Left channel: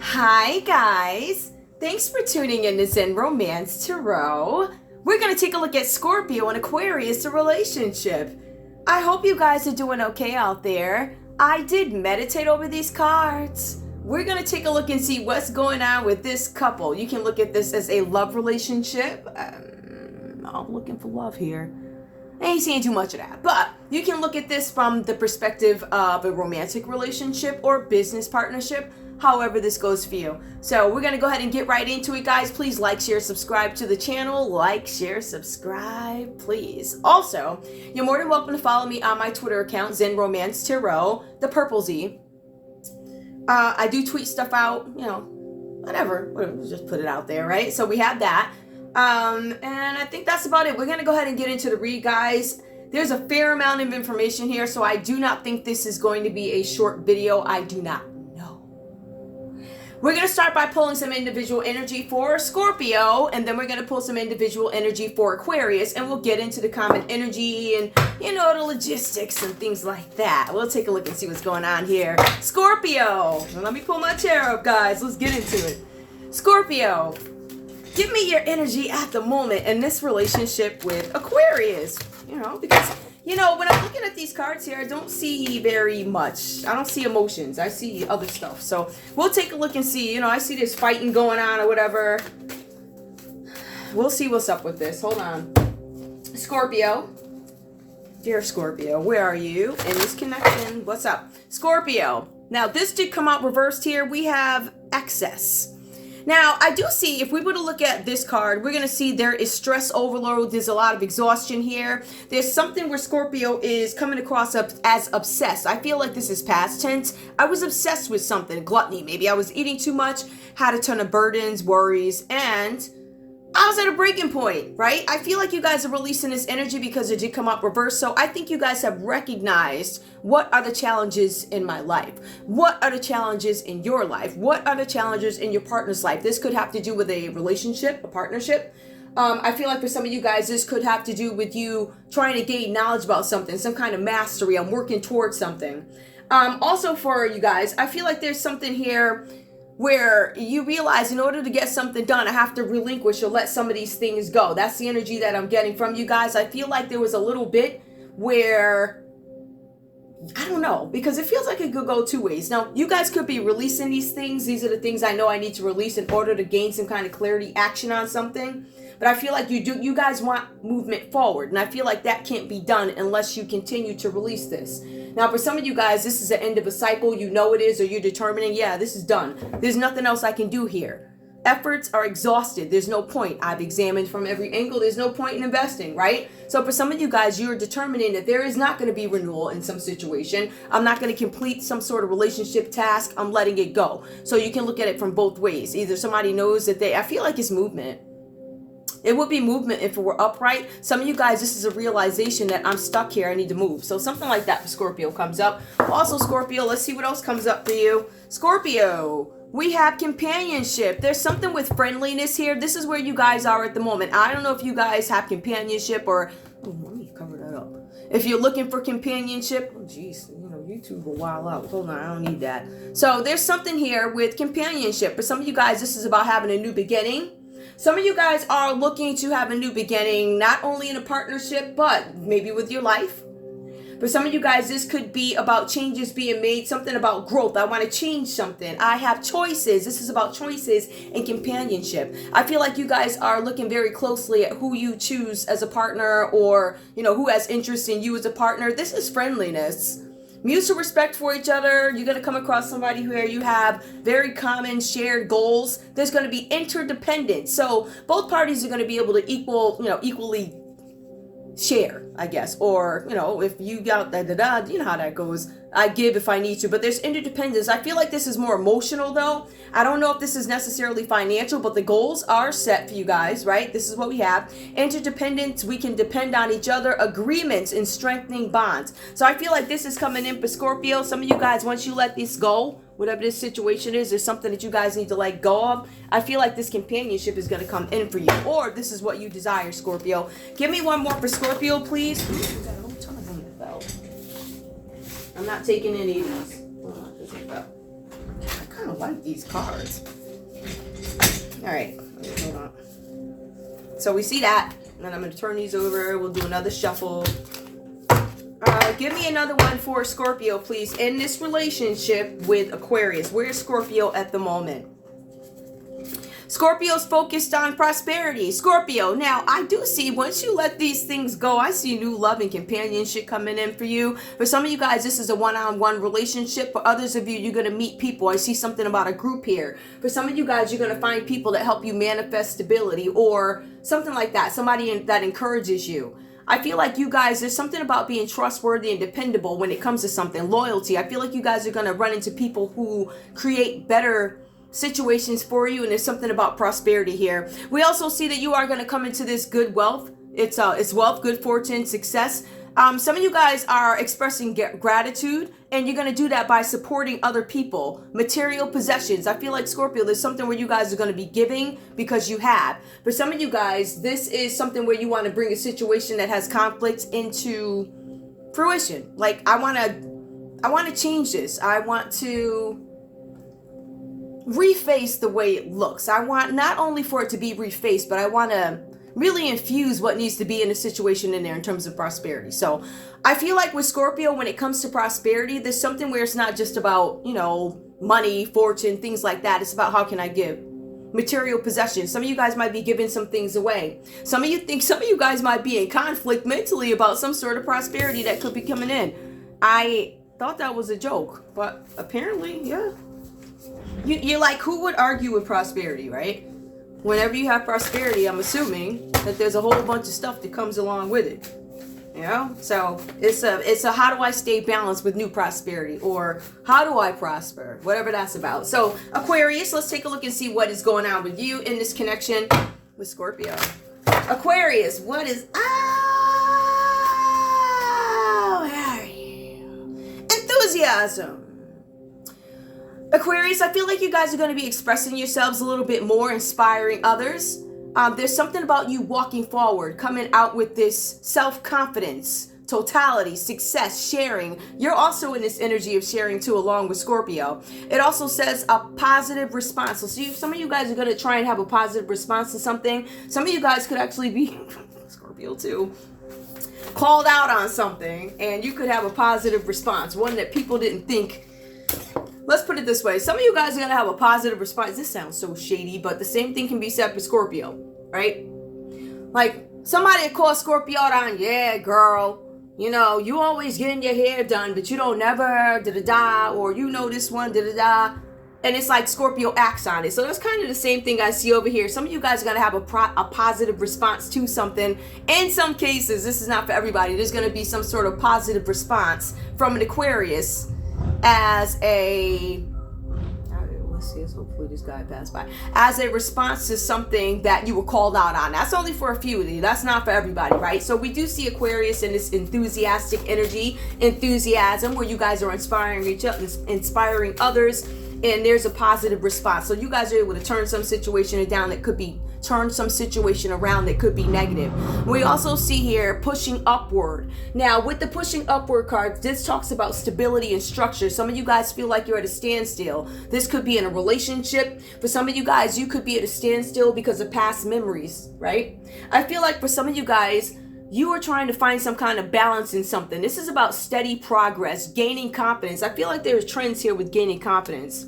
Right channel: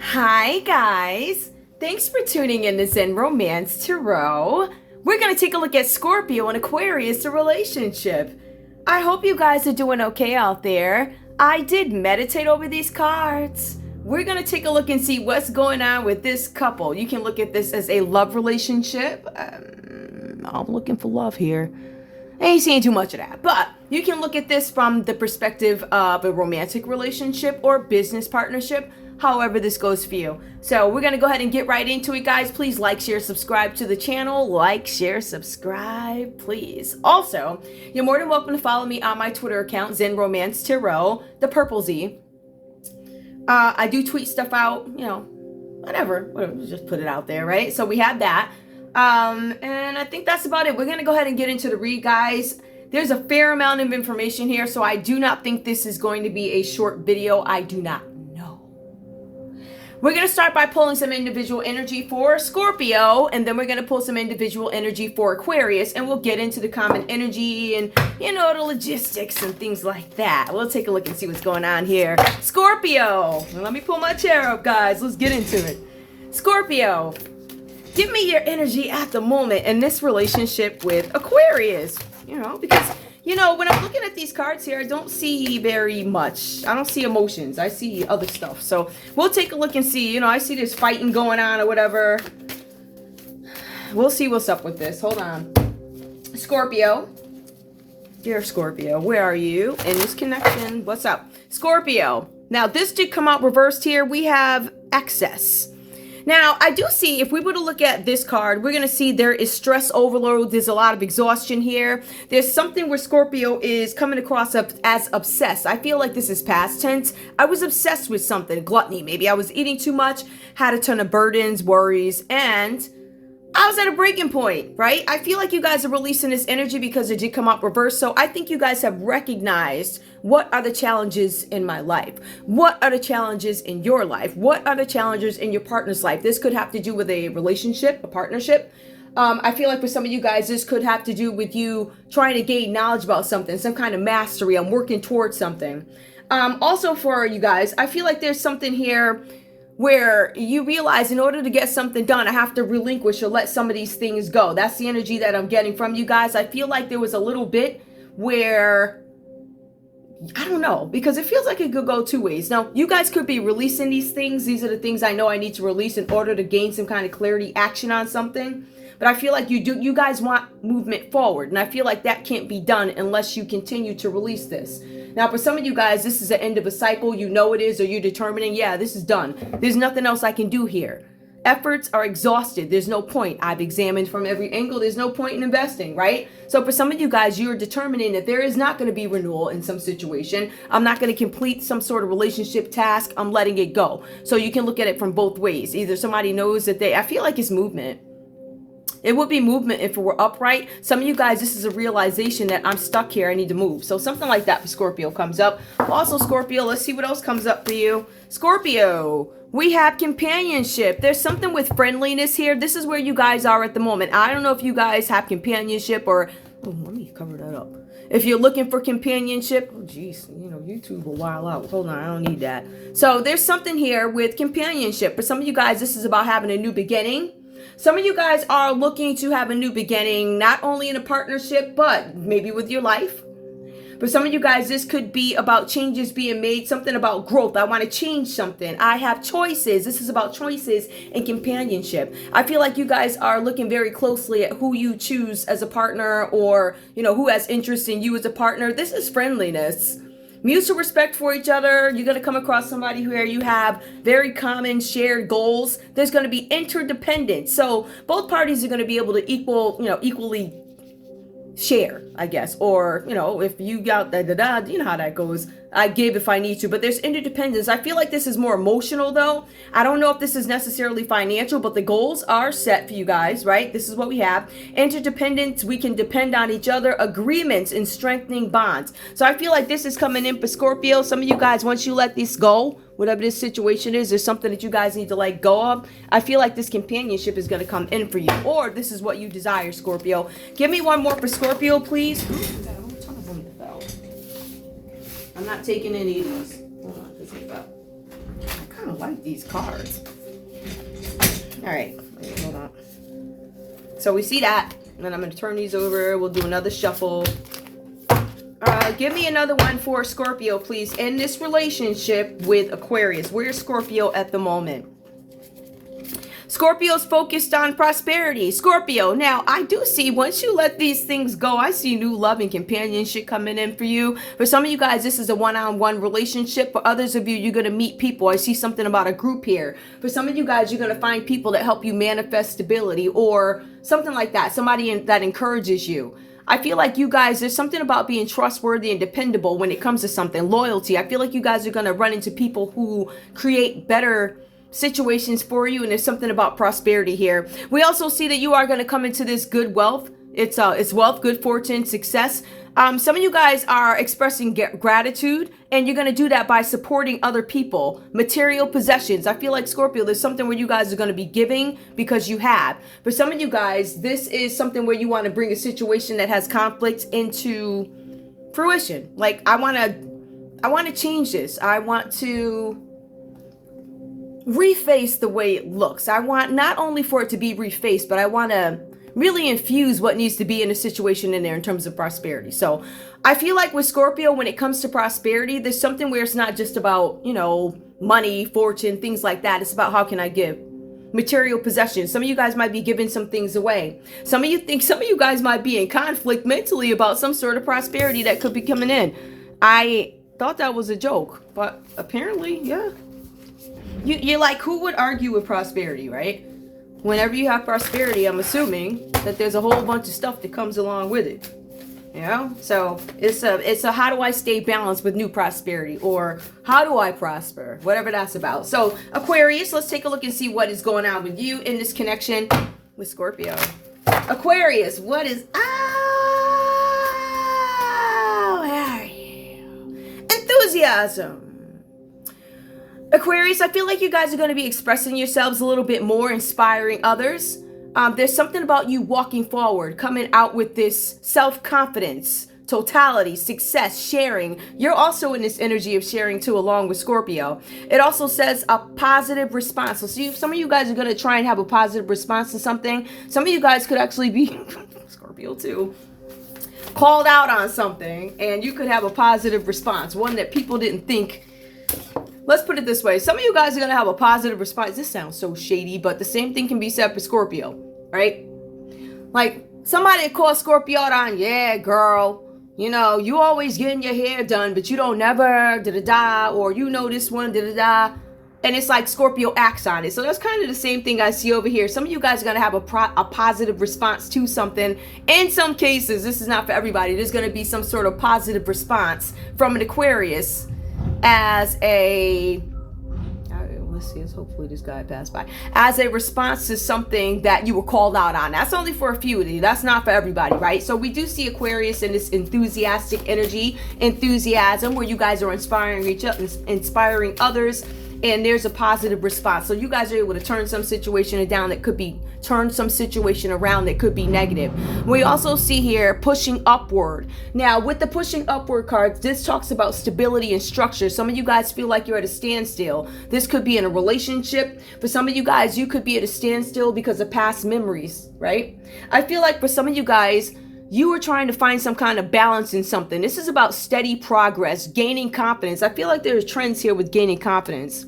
Hi guys, thanks for tuning in to Zen Romance Tarot. We're going to take a look at Scorpio and Aquarius, the relationship. I hope you guys are doing okay out there. I did meditate over these cards. We're going to take a look and see what's going on with this couple. You can look at this as a love relationship. I'm looking for love here. I ain't seeing too much of that, but you can look at this from the perspective of a romantic relationship or business partnership, however this goes for you. So we're going to go ahead and get right into it, guys. Please like, share, subscribe to the channel. Like, share, subscribe, please. Also, you're more than welcome to follow me on my Twitter account, Zen Romance Tarot, the purple Z. I do tweet stuff out, whatever, just put it out there, right? So we have that. And I think that's about it. We're going to go ahead and get into the read, guys. There's a fair amount of information here, so I do not think this is going to be a short video. I do not know. We're going to start by pulling some individual energy for Scorpio, and then we're going to pull some individual energy for Aquarius, and we'll get into the common energy and, the logistics and things like that. We'll take a look and see what's going on here. Scorpio. Let me pull my chair up, guys. Let's get into it. Scorpio. Give me your energy at the moment in this relationship with Aquarius, because, when I'm looking at these cards here, I don't see very much. I don't see emotions. I see other stuff. So we'll take a look and see, I see this fighting going on or whatever. We'll see what's up with this. Hold on. Scorpio. Dear Scorpio, where are you in this connection? What's up? Scorpio. Now, this did come out reversed here. We have excess. Now, I do see, if we were to look at this card, we're going to see there is stress overload. There's a lot of exhaustion here. There's something where Scorpio is coming across as obsessed. I feel like this is past tense. I was obsessed with something, gluttony. Maybe I was eating too much, had a ton of burdens, worries, and I was at a breaking point, right? I feel like you guys are releasing this energy because it did come up reverse. So I think you guys have recognized what are the challenges in my life? What are the challenges in your life? What are the challenges in your partner's life? This could have to do with a relationship, a partnership. I feel like for some of you guys, this could have to do with you trying to gain knowledge about something, some kind of mastery. I'm working towards something. Also for you guys, I feel like there's something here where you realize in order to get something done, I have to relinquish or let some of these things go. That's the energy that I'm getting from you guys. I feel like there was a little bit where, I don't know, because it feels like it could go two ways. Now, you guys could be releasing these things. These are the things I know I need to release in order to gain some kind of clarity, action on something. But I feel like you guys want movement forward. And I feel like that can't be done unless you continue to release this. Now, for some of you guys, this is the end of a cycle. You know it is, or you're determining, yeah, this is done. There's nothing else I can do here. Efforts are exhausted. There's no point. I've examined from every angle. There's no point in investing, right? So for some of you guys, you're determining that there is not going to be renewal in some situation. I'm not going to complete some sort of relationship task. I'm letting it go. So you can look at it from both ways. Either somebody knows that I feel like it's movement. It would be movement if it were upright. Some of you guys, this is a realization that I'm stuck here. I need to move. So something like that for Scorpio comes up. Also, Scorpio, let's see what else comes up for you. Scorpio, we have companionship. There's something with friendliness here. This is where you guys are at the moment. I don't know if you guys have companionship or... Oh, let me cover that up. If you're looking for companionship... Oh, geez. YouTube will wild out. Hold on, I don't need that. So there's something here with companionship. For some of you guys, this is about having a new beginning. Some of you guys are looking to have a new beginning, not only in a partnership, but maybe with your life. For some of you guys, this could be about changes being made, something about growth. I want to change something. I have choices. This is about choices and companionship. I feel like you guys are looking very closely at who you choose as a partner or, who has interest in you as a partner. This is friendliness. Mutual respect for each other. You're going to come across somebody where you have very common shared goals. There's going to be interdependence. So both parties are going to be able to equally share, I guess. Or, if you got you know how that goes. I give if I need to, but there's interdependence. I feel like this is more emotional though. I don't know if this is necessarily financial, but the goals are set for you guys, right? This is what we have. Interdependence, we can depend on each other, agreements and strengthening bonds. So I feel like this is coming in for Scorpio. Some of you guys, once you let this go, whatever this situation is, there's something that you guys need to let go of. I feel like this companionship is going to come in for you, or this is what you desire, Scorpio. Give me one more for Scorpio, please. I'm not taking any of these. Hold on, let's take that. like these cards. All right, wait, hold on. So we see that, and then I'm going to turn these over. We'll do another shuffle. Give me another one for Scorpio, please. In this relationship with Aquarius, where's Scorpio at the moment? Scorpio's focused on prosperity. Scorpio, now I do see once you let these things go, I see new love and companionship coming in for you. For some of you guys, this is a one-on-one relationship. For others of you, you're going to meet people. I see something about a group here. For some of you guys, you're going to find people that help you manifest stability or something like that. Somebody that encourages you. I feel like you guys, there's something about being trustworthy and dependable when it comes to something. Loyalty. I feel like you guys are going to run into people who create better situations for you, and there's something about prosperity here. We also see that you are going to come into this good wealth. It's wealth, good fortune, success. Some of you guys are expressing gratitude, and you're going to do that by supporting other people. Material possessions. I feel like Scorpio, there's something where you guys are going to be giving because you have. For some of you guys, this is something where you want to bring a situation that has conflict into fruition. Like, I want to change this. I want to reface the way it looks. I want not only for it to be refaced, but I want to really infuse what needs to be in a situation in there in terms of prosperity. So I feel like with Scorpio, when it comes to prosperity, there's something where it's not just about, money, fortune, things like that. It's about how can I give? Material possessions. Some of you guys might be giving some things away. Some of you guys might be in conflict mentally about some sort of prosperity that could be coming in. I thought that was a joke, but apparently, yeah. You're like, who would argue with prosperity, right? Whenever you have prosperity, I'm assuming that there's a whole bunch of stuff that comes along with it. So it's a how do I stay balanced with new prosperity, or how do I prosper, whatever that's about. So Aquarius, let's take a look and see what is going on with you in this connection with Scorpio. Aquarius, what is how are you? Enthusiasm. Aquarius, I feel like you guys are going to be expressing yourselves a little bit more, inspiring others. There's something about you walking forward, coming out with this self-confidence, totality, success, sharing. You're also in this energy of sharing too, along with Scorpio. It also says a positive response. So some of you guys are going to try and have a positive response to something. Some of you guys could actually be Scorpio too, called out on something, and you could have a positive response, one that people didn't think. Let's put it this way. Some of you guys are going to have a positive response. This sounds so shady, but the same thing can be said for Scorpio, right? Like, somebody calls Scorpio on, yeah, girl, you always getting your hair done, but you don't never, da-da-da, or this one, da-da-da. And it's like Scorpio acts on it. So that's kind of the same thing I see over here. Some of you guys are going to have a positive response to something. In some cases, this is not for everybody. There's going to be some sort of positive response from an Aquarius as a, let's see, hopefully this guy passed by, as a response to something that you were called out on. That's only for a few of you. That's not for everybody, right? So we do see Aquarius in this enthusiastic energy, enthusiasm, where you guys are inspiring each other, inspiring others, and there's a positive response. So you guys are able to turn some situation around that could be negative. We also see here pushing upward. Now with the pushing upward cards, this talks about stability and structure. Some of you guys feel like you're at a standstill. This could be in a relationship. For some of you guys, you could be at a standstill because of past memories, right? I feel like for some of you guys, you are trying to find some kind of balance in something. This is about steady progress, gaining confidence. I feel like there's trends here with gaining confidence.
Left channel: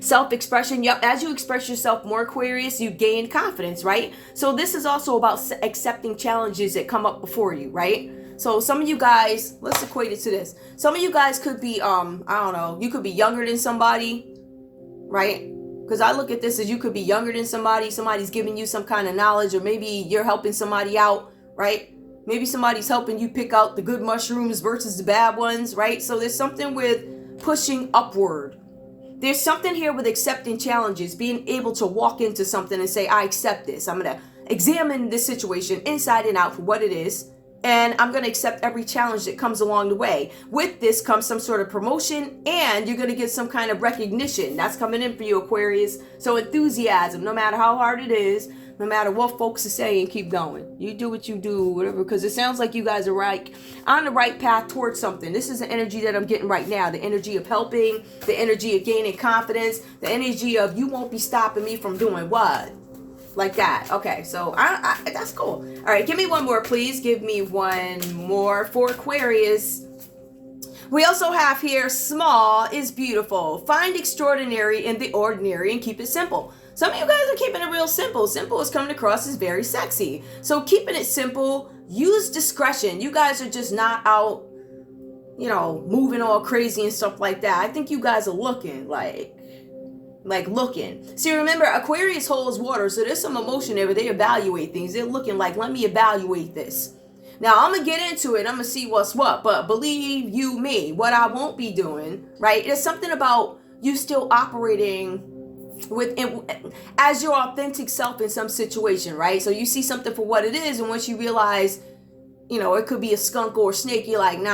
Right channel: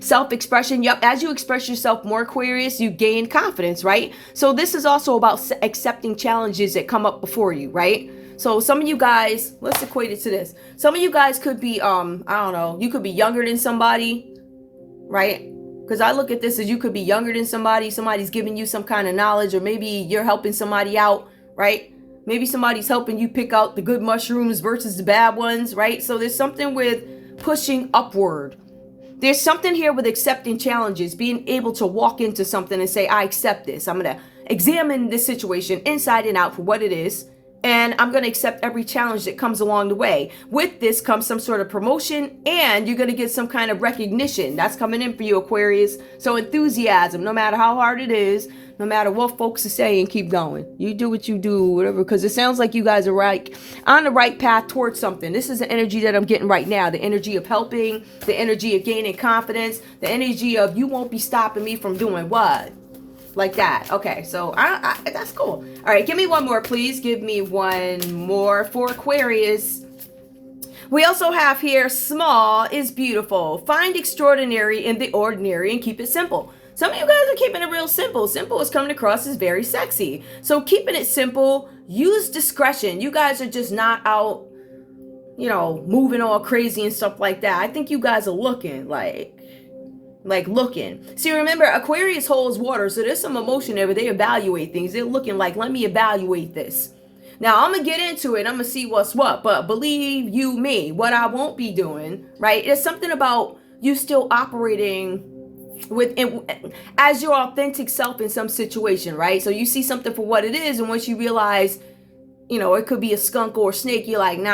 Self-expression. Yep. As you express yourself more, Aquarius, you gain confidence, right? So this is also about accepting challenges that come up before you, right? So some of you guys, let's equate it to this. Some of you guys could be, I don't know, you could be younger than somebody, right? Because I look at this as you could be younger than somebody. Somebody's giving you some kind of knowledge, or maybe you're helping somebody out, right? Maybe somebody's helping you pick out the good mushrooms versus the bad ones, right? So there's something with pushing upward. There's something here with accepting challenges, being able to walk into something and say, I accept this. I'm going to examine this situation inside and out for what it is And I'm going to accept every challenge that comes along the way. With this comes some sort of promotion, and you're going to get some kind of recognition. That's coming in for you, Aquarius. So enthusiasm, no matter how hard it is, no matter what folks are saying, keep going. You do what you do, whatever, because it sounds like you guys are on the right path towards something. This is the energy that I'm getting right now. The energy of helping, the energy of gaining confidence, the energy of you won't be stopping me from doing what? Like that. Okay, so I that's cool. All right, give me one more, please. Give me one more for Aquarius. We also have here, small is beautiful. Find extraordinary in the ordinary and keep it simple. Some of you guys are keeping it real simple. Simple is coming across as very sexy. So keeping it simple, use discretion. You guys are just not out, moving all crazy and stuff like that. I think you guys are looking like looking. See, remember, Aquarius holds water, so there's some emotion there where they evaluate things. They're looking like, let me evaluate this. Now, I'm going to get into it. I'm going to see what's what. But believe you me, what I won't be doing, right, is something about you still operating as your authentic self in some situation, right? So you see something for what it is, and once you realize, it could be a skunk or a snake, you're like, nah,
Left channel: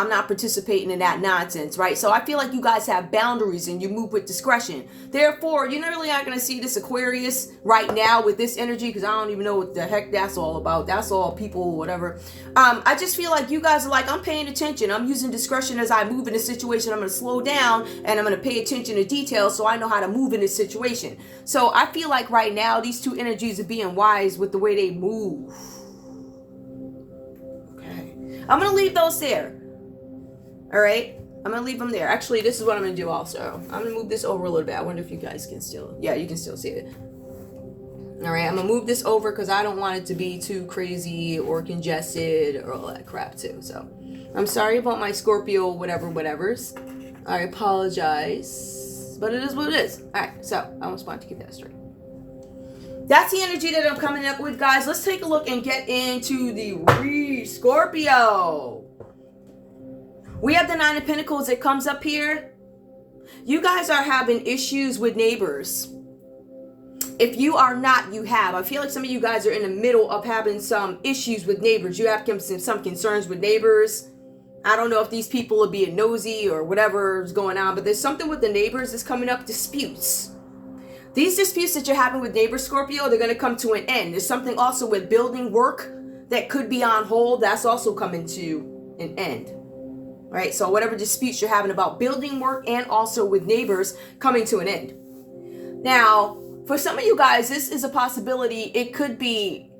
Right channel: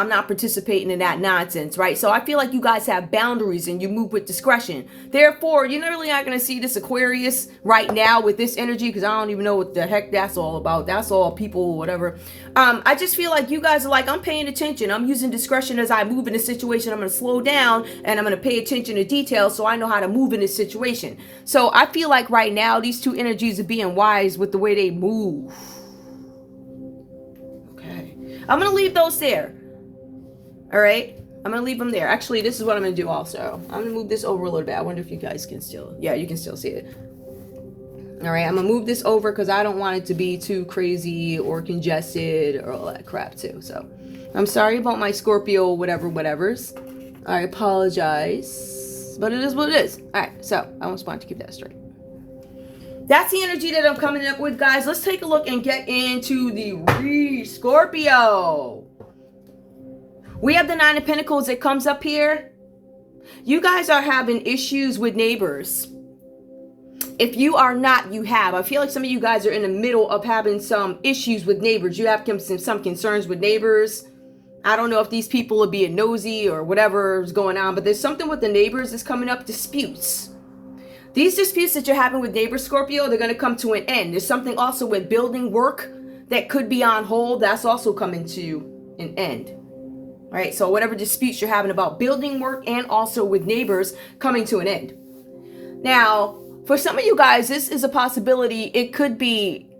I'm not participating in that nonsense, right? So I feel like you guys have boundaries and you move with discretion. Therefore, you're not really not going to see this Aquarius right now with this energy, because I don't even know what the heck that's all about. That's all people, whatever. I just feel like you guys are like, I'm paying attention. I'm using discretion as I move in a situation. I'm going to slow down and I'm going to pay attention to details so I know how to move in this situation. So I feel like right now, these two energies are being wise with the way they move. I'm going to leave those there. All right. I'm going to leave them there. Actually, this is what I'm going to do also. I'm going to move this over a little bit. I wonder if you guys can still, yeah, you can still see it. All right. I'm going to move this over because I don't want it to be too crazy or congested or all that crap too. So I'm sorry about my Scorpio, whatevers. I apologize, but it is what it is. All right. So I just wanted to keep that straight. That's the energy that I'm coming up with, guys. Let's take a look and get into the Scorpio. We have the Nine of Pentacles that comes up here. You guys are having issues with neighbors. If you are not, you have. I feel like some of you guys are in the middle of having some issues with neighbors. You have some concerns with neighbors. I don't know if these people are being nosy or whatever is going on, but there's something with the neighbors that's coming up, disputes. These disputes that you're having with neighbors, Scorpio, they're going to come to an end. There's something also with building work that could be on hold. That's also coming to an end. Right? So whatever disputes you're having about building work and also with neighbors coming to an end. Now, for some of you guys, this is a possibility. It could be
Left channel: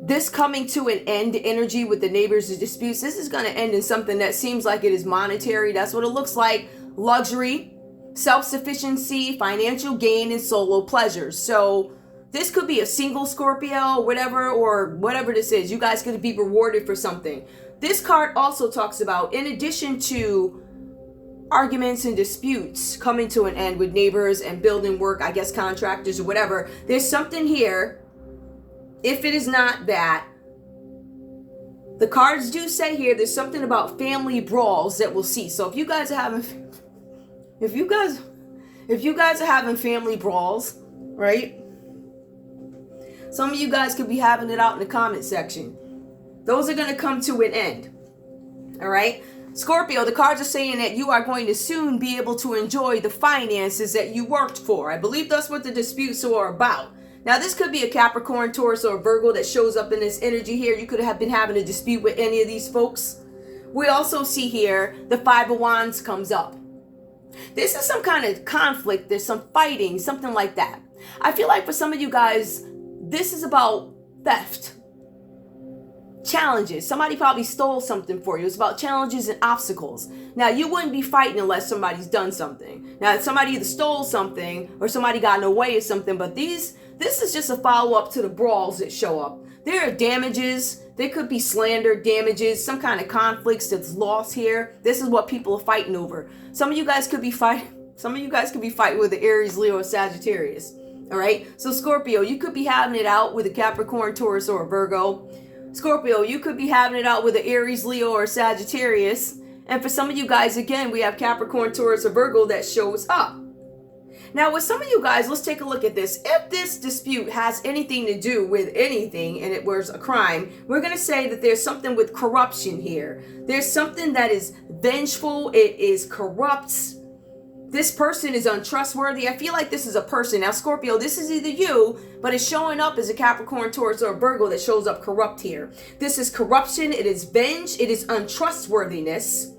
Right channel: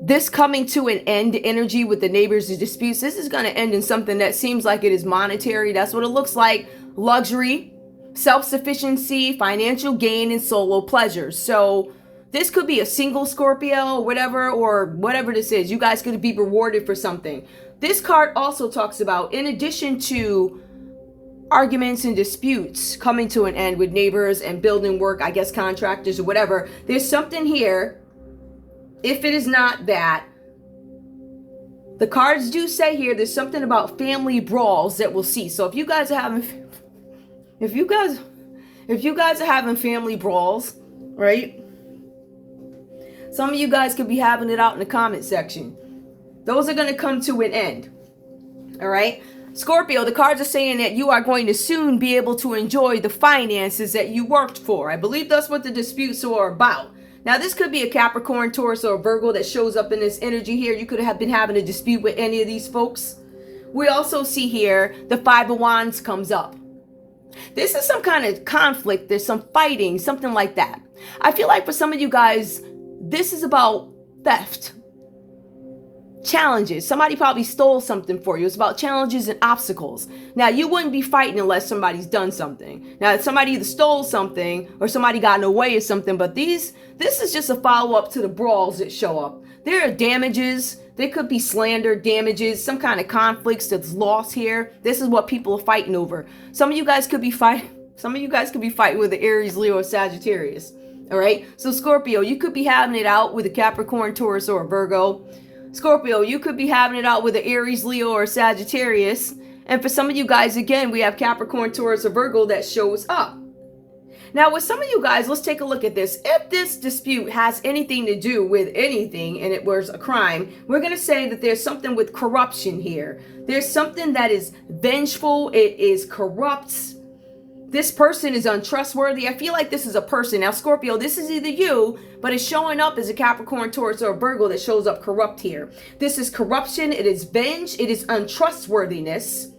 this coming to an end energy with the neighbors' disputes. This is going to end in something that seems like it is monetary. That's what it looks like. Luxury, self-sufficiency, financial gain, and solo pleasures. So this could be a single Scorpio, or whatever this is. You guys could be rewarded for something. This card also talks about, in addition to arguments and disputes coming to an end with neighbors and building work, I guess contractors or whatever, there's something here. If it is not that, the cards do say here, there's something about family brawls that we'll see. So if you guys are having If you guys are having family brawls, right? Some of you guys could be having it out in the comment section. Those are going to come to an end. All right? Scorpio, the cards are saying that you are going to soon be able to enjoy the finances that you worked for. I believe that's what the disputes are about. Now, this could be a Capricorn, Taurus, or Virgo that shows up in this energy here. You could have been having a dispute with any of these folks. We also see here the Five of Wands comes up. This is some kind of conflict. There's some fighting, something like that. I feel like for some of you guys, this is about theft. Challenges. Somebody probably stole something for you. It's about challenges and obstacles. Now, you wouldn't be fighting unless somebody's done something. Now, somebody either stole something or somebody got in the way of something, but this is just a follow-up to the brawls that show up. There are damages. There could be slander, damages, some kind of conflicts that's lost here. This is what people are fighting over. Some of you guys could be fighting with the Aries, Leo, or Sagittarius. All right. So Scorpio, you could be having it out with a Capricorn, Taurus, or a Virgo. Scorpio, you could be having it out with an Aries, Leo, or Sagittarius. And for some of you guys, again, we have Capricorn, Taurus, or Virgo that shows up. Now, with some of you guys, let's take a look at this. If this dispute has anything to do with anything and it was a crime, we're going to say that there's something with corruption here. There's something that is vengeful. It is corrupt. This person is untrustworthy. I feel like this is a person. Now, Scorpio, this is either you, but it's showing up as a Capricorn, Taurus, or a Virgo that shows up corrupt here. This is corruption. It is venge. It is untrustworthiness.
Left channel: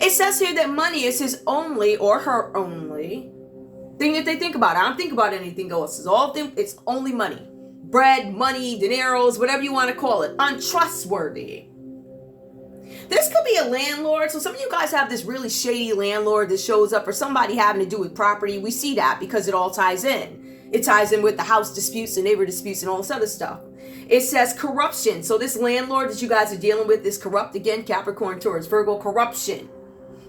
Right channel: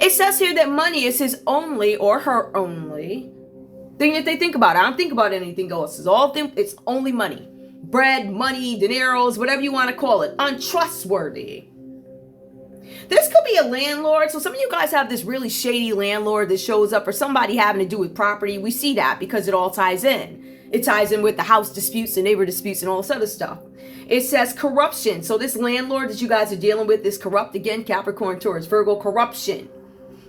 It says here that money is his only or her only thing that they think about. I don't think about anything else. It's only money. Bread, money, dineros, whatever you want to call it. Untrustworthy. This could be a landlord. So some of you guys have this really shady landlord that shows up, or somebody having to do with property. We see that because it all ties in. It ties in with the house disputes and neighbor disputes and all this other stuff. It says corruption. So this landlord that you guys are dealing with is corrupt. Again, Capricorn, Taurus, Virgo, corruption.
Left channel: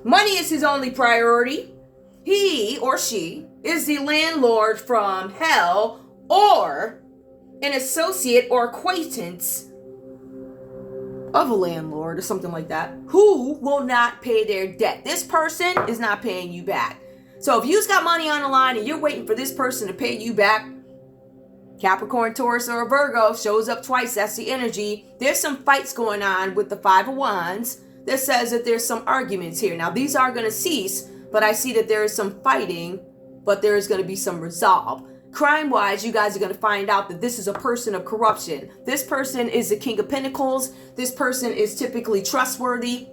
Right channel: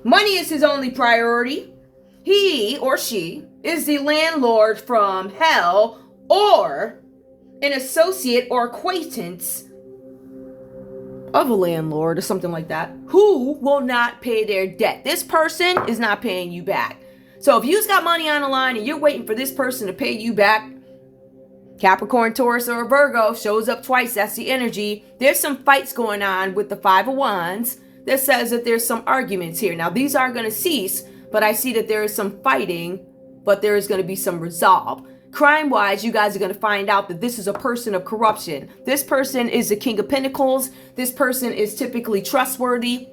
Money is his only priority. He or she is the landlord from hell, or an associate or acquaintance of a landlord or something like that, who will not pay their debt. This person is not paying you back. So if you've got money on the line and you're waiting for this person to pay you back, Capricorn, Taurus, or Virgo shows up twice. That's the energy. There's some fights going on with the Five of Wands that says that there's some arguments here. Now, these aren't going to cease, but I see that there is some fighting, but there is going to be some resolve. Crime-wise, you guys are going to find out that this is a person of corruption. This person is the King of Pentacles. This person is typically trustworthy.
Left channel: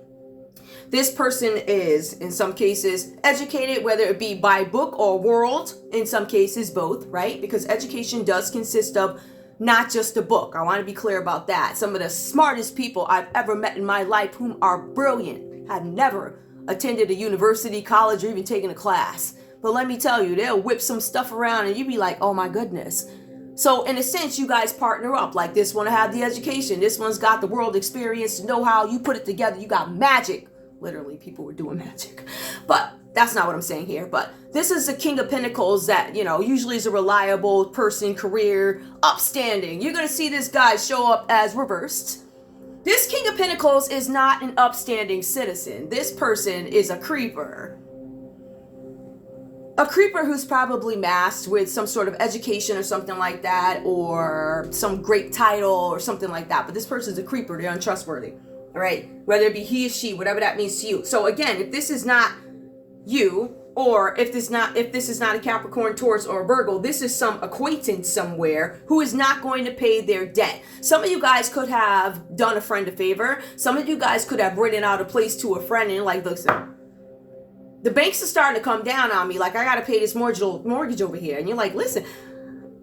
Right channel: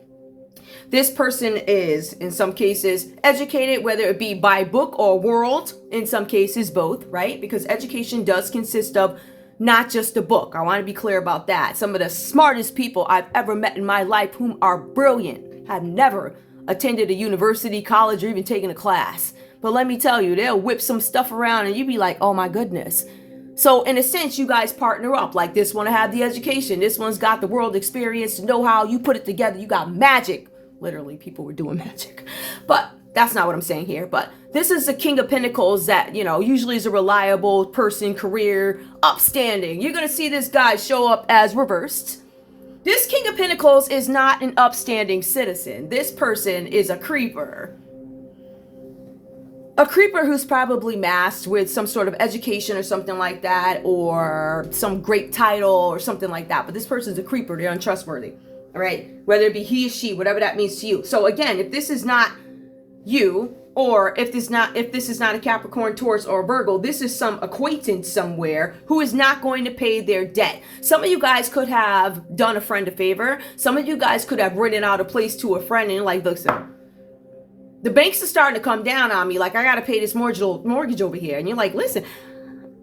This person is, in some cases, educated, whether it be by book or world. In some cases, both, right? Because education does consist of not just a book. I want to be clear about that. Some of the smartest people I've ever met in my life, whom are brilliant, have never attended a university, college, or even taken a class. But let me tell you, they'll whip some stuff around and you be like, oh my goodness. So in a sense, you guys partner up. Like this one have the education. This one's got the world experience, know-how. You put it together. You got magic. Literally, people were doing magic. But that's not what I'm saying here. But this is the King of Pentacles that, usually is a reliable person, career, upstanding. You're going to see this guy show up as reversed. This King of Pentacles is not an upstanding citizen. This person is a creeper. A creeper who's probably masked with some sort of education or something like that, or some great title or something like that. But this person's a creeper. They're untrustworthy. All right. Whether it be he or she, whatever that means to you. So again, if this is not you, or if this is not a Capricorn, Taurus, or Virgo, this is some acquaintance somewhere who is not going to pay their debt. Some of you guys could have done a friend a favor. Some of you guys could have rented out a place to a friend and like, listen, the banks are starting to come down on me. Like, I got to pay this mortgage over here. And you're like, listen,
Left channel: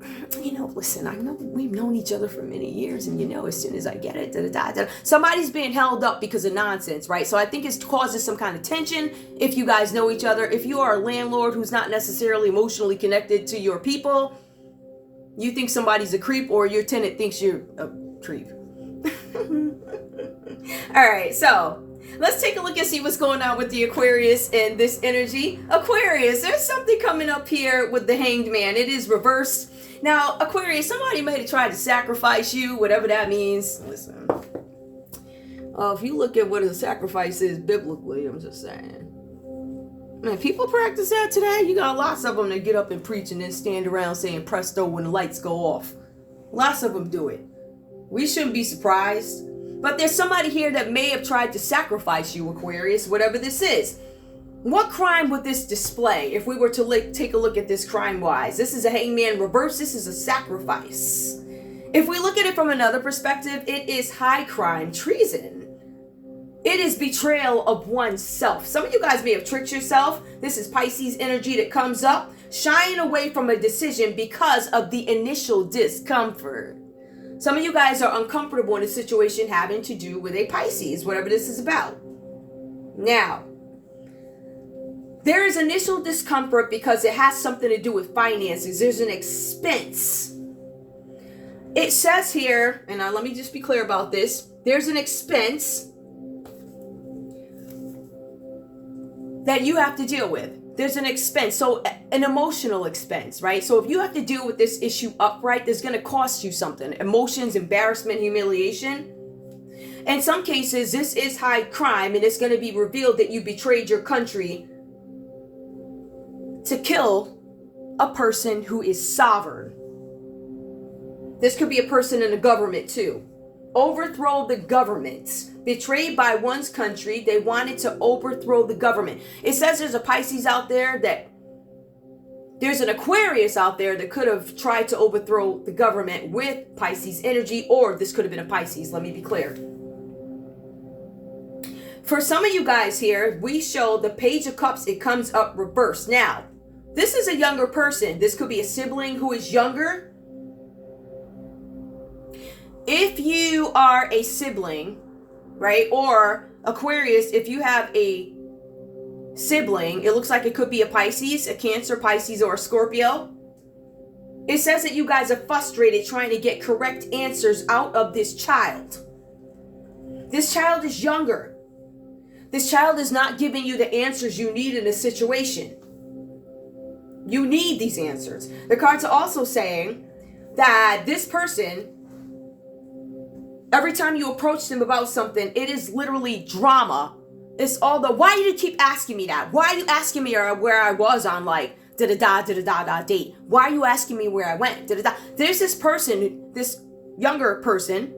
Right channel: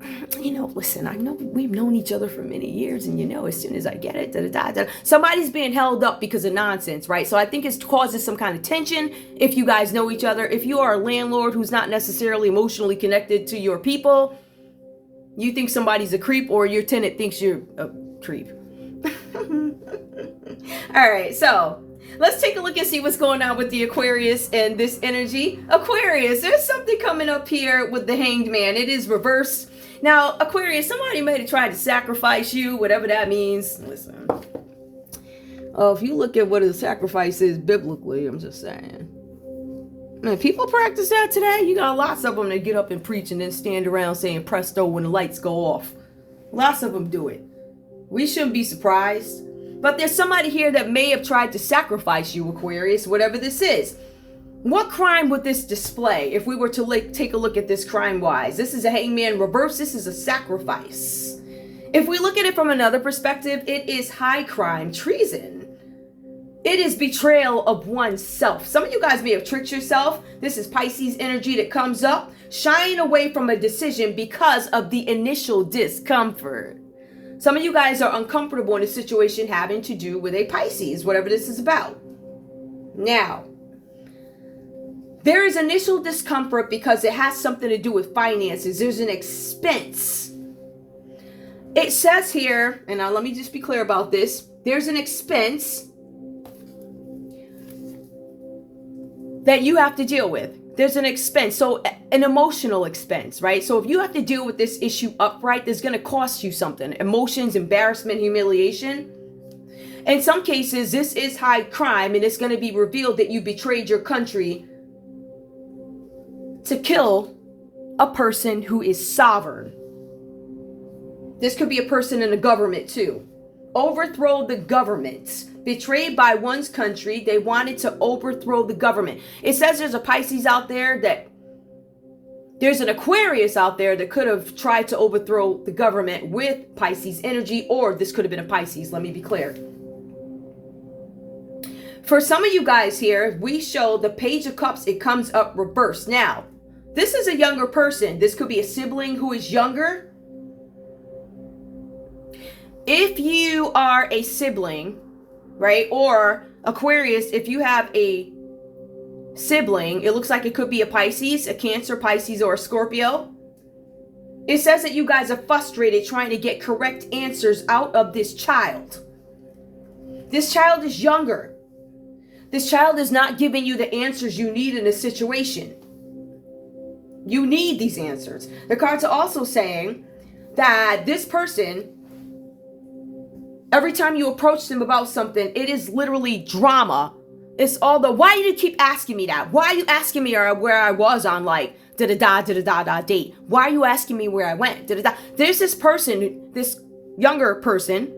I know we've known each other for many years. And, as soon as I get it, somebody's being held up because of nonsense, right? So I think it causes some kind of tension if you guys know each other. If you are a landlord who's not necessarily emotionally connected to your people, you think somebody's a creep, or your tenant thinks you're a creep. All right, so let's take a look and see what's going on with the Aquarius and this energy. Aquarius, there's something coming up here with the Hanged Man. It is reversed. Now, Aquarius, somebody may have tried to sacrifice you, whatever that means. Listen, if you look at what a sacrifice is biblically, I'm just saying. Man, people practice that today. You got lots of them that get up and preach and then stand around saying presto when the lights go off. Lots of them do it. We shouldn't be surprised. But there's somebody here that may have tried to sacrifice you, Aquarius, whatever this is. What crime would this display if we were to take a look at this crime-wise? This is a hangman reverse. This is a sacrifice. If we look at it from another perspective, it is high crime, treason. It is betrayal of oneself. Some of you guys may have tricked yourself. This is Pisces energy that comes up, shying away from a decision because of the initial discomfort. Some of you guys are uncomfortable in a situation having to do with a Pisces, whatever this is about. Now, there is initial discomfort because it has something to do with finances. There's an expense. It says here, and now let me just be clear about this. There's an expense that you have to deal with. There's an expense, so an emotional expense, right? So if you have to deal with this issue upright, there's going to cost you something. Emotions, embarrassment, humiliation. In some cases, this is high crime, and it's going to be revealed that you betrayed your country to kill a person who is sovereign. This could be a person in the government too. Overthrow the government. Betrayed by one's country, they wanted to overthrow the government. It says there's a Pisces out there that there's an Aquarius out there that could have tried to overthrow the government with Pisces energy, or this could have been a Pisces. Let me be clear. For some of you guys here, we show the Page of Cups. It comes up reversed. Now, this is a younger person. This could be a sibling who is younger. If you are a sibling, right, or Aquarius, if you have a sibling, it looks like it could be a Pisces, a Cancer, Pisces, or a Scorpio. It says that you guys are frustrated trying to get correct answers out of this child. This child is younger. This child is not giving you the answers you need in a situation. You need these answers. The cards are also saying that this person, every time you approach them about something, it is literally drama. It's all the, why do you keep asking me that? Why are you asking me where I was on like da-da-da date? Why are you asking me where I went? Da-da-da. There's this person, this younger person,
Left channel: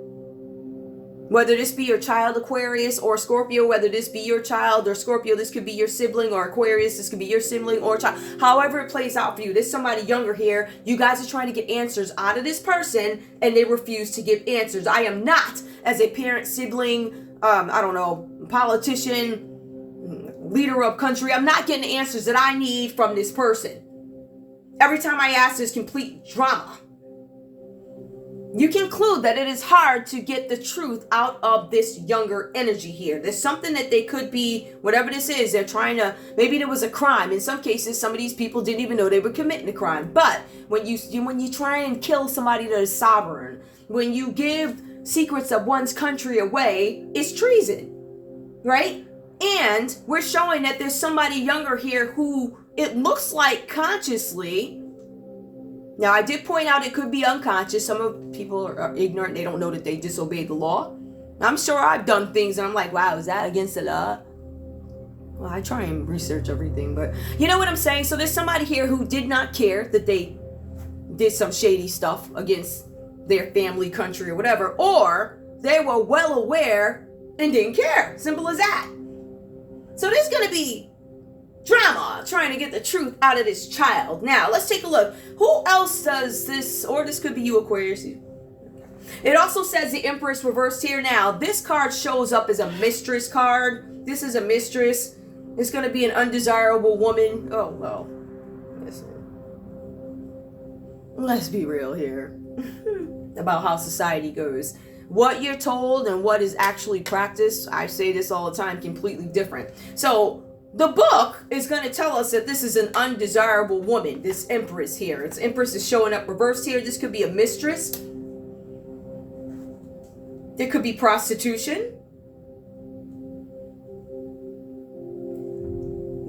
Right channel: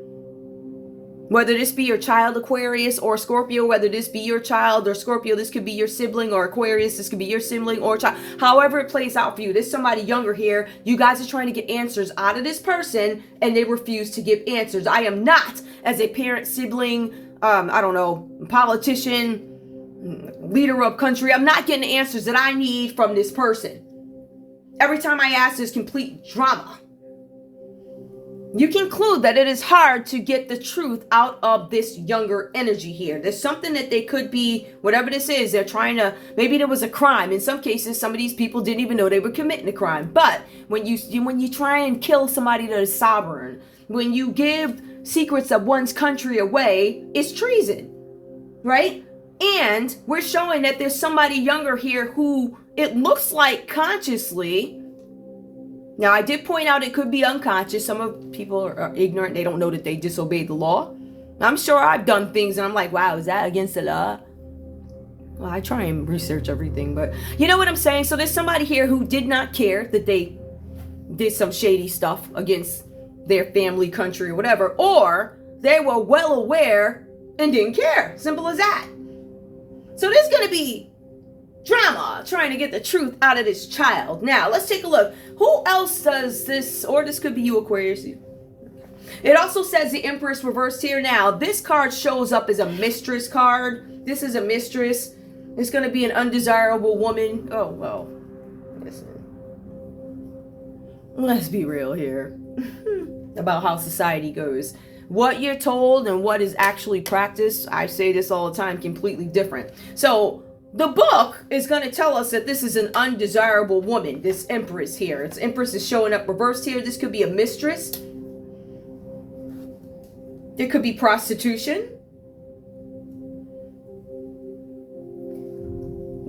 whether this be your child Aquarius or Scorpio, whether this be your child or Scorpio, this could be your sibling, or Aquarius, this could be your sibling or child. However it plays out for you, there's somebody younger here. You guys are trying to get answers out of this person and they refuse to give answers. I am not, as a parent, sibling, I don't know, politician, leader of country, I'm not getting the answers that I need from this person. Every time I ask, there's complete drama. You conclude that it is hard to get the truth out of this younger energy here. There's something that they could be, whatever this is, they're trying to, maybe there was a crime. In some cases, some of these people didn't even know they were committing a crime. But when you try and kill somebody that is sovereign, when you give secrets of one's country away, it's treason, right? And we're showing that there's somebody younger here who it looks like consciously. Now, I did point out it could be unconscious. Some of people are ignorant. They don't know that they disobeyed the law. I'm sure I've done things and I'm like, wow, is that against the law? Well, I try and research everything, but you know what I'm saying? So there's somebody here who did not care that they did some shady stuff against their family, country, or whatever, or they were well aware and didn't care. Simple as that. So there's going to be drama trying to get the truth out of this child. Now, let's take a look. Who else does this? Or this could be you, Aquarius. It also says the Empress reversed here. Now, this card shows up as a mistress card. This is a mistress. It's going to be an undesirable woman. Oh, well. Listen. Let's be real here about how society goes. What you're told and what is actually practiced, I say this all the time, completely different. So, the book is going to tell us that this is an undesirable woman, this Empress here. Its Empress is showing up reversed here. This could be a mistress. It could be prostitution.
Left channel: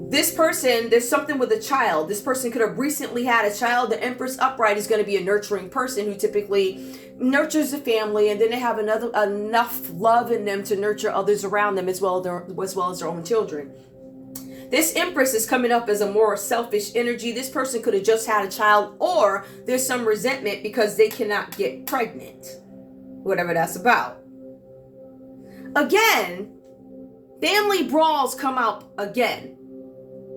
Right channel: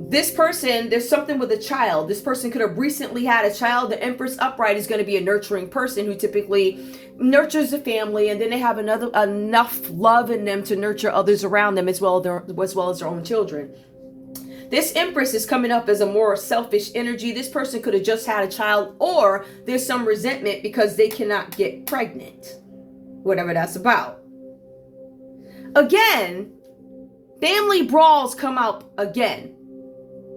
This person, there's something with a child. This person could have recently had a child. The Empress upright is going to be a nurturing person who typically nurtures the family, and then they have enough love in them to nurture others around them as well as their own children. This Empress is coming up as a more selfish energy. This person could have just had a child, or there's some resentment because they cannot get pregnant. Whatever that's about. Again, family brawls come out again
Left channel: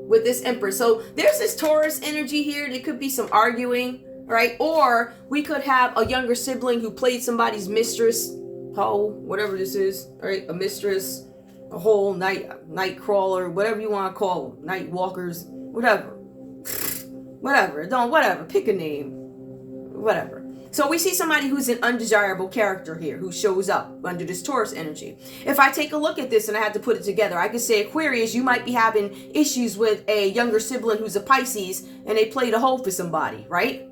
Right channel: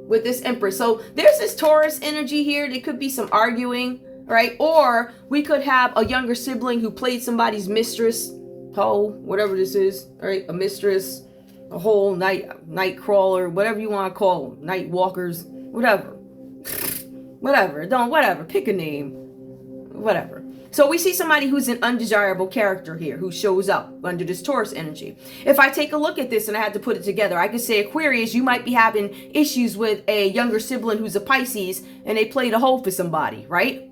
with this Empress. So there's this Taurus energy here. There could be some arguing, right? Or we could have a younger sibling who played somebody's mistress, hoe, whatever this is, right? A mistress, a whole night crawler, whatever you want to call them, night walkers, whatever, pick a name, whatever. So we see somebody who's an undesirable character here who shows up under this Taurus energy. If I take a look at this and I had to put it together, I could say, Aquarius, you might be having issues with a younger sibling who's a Pisces and they played a hoe for somebody, right?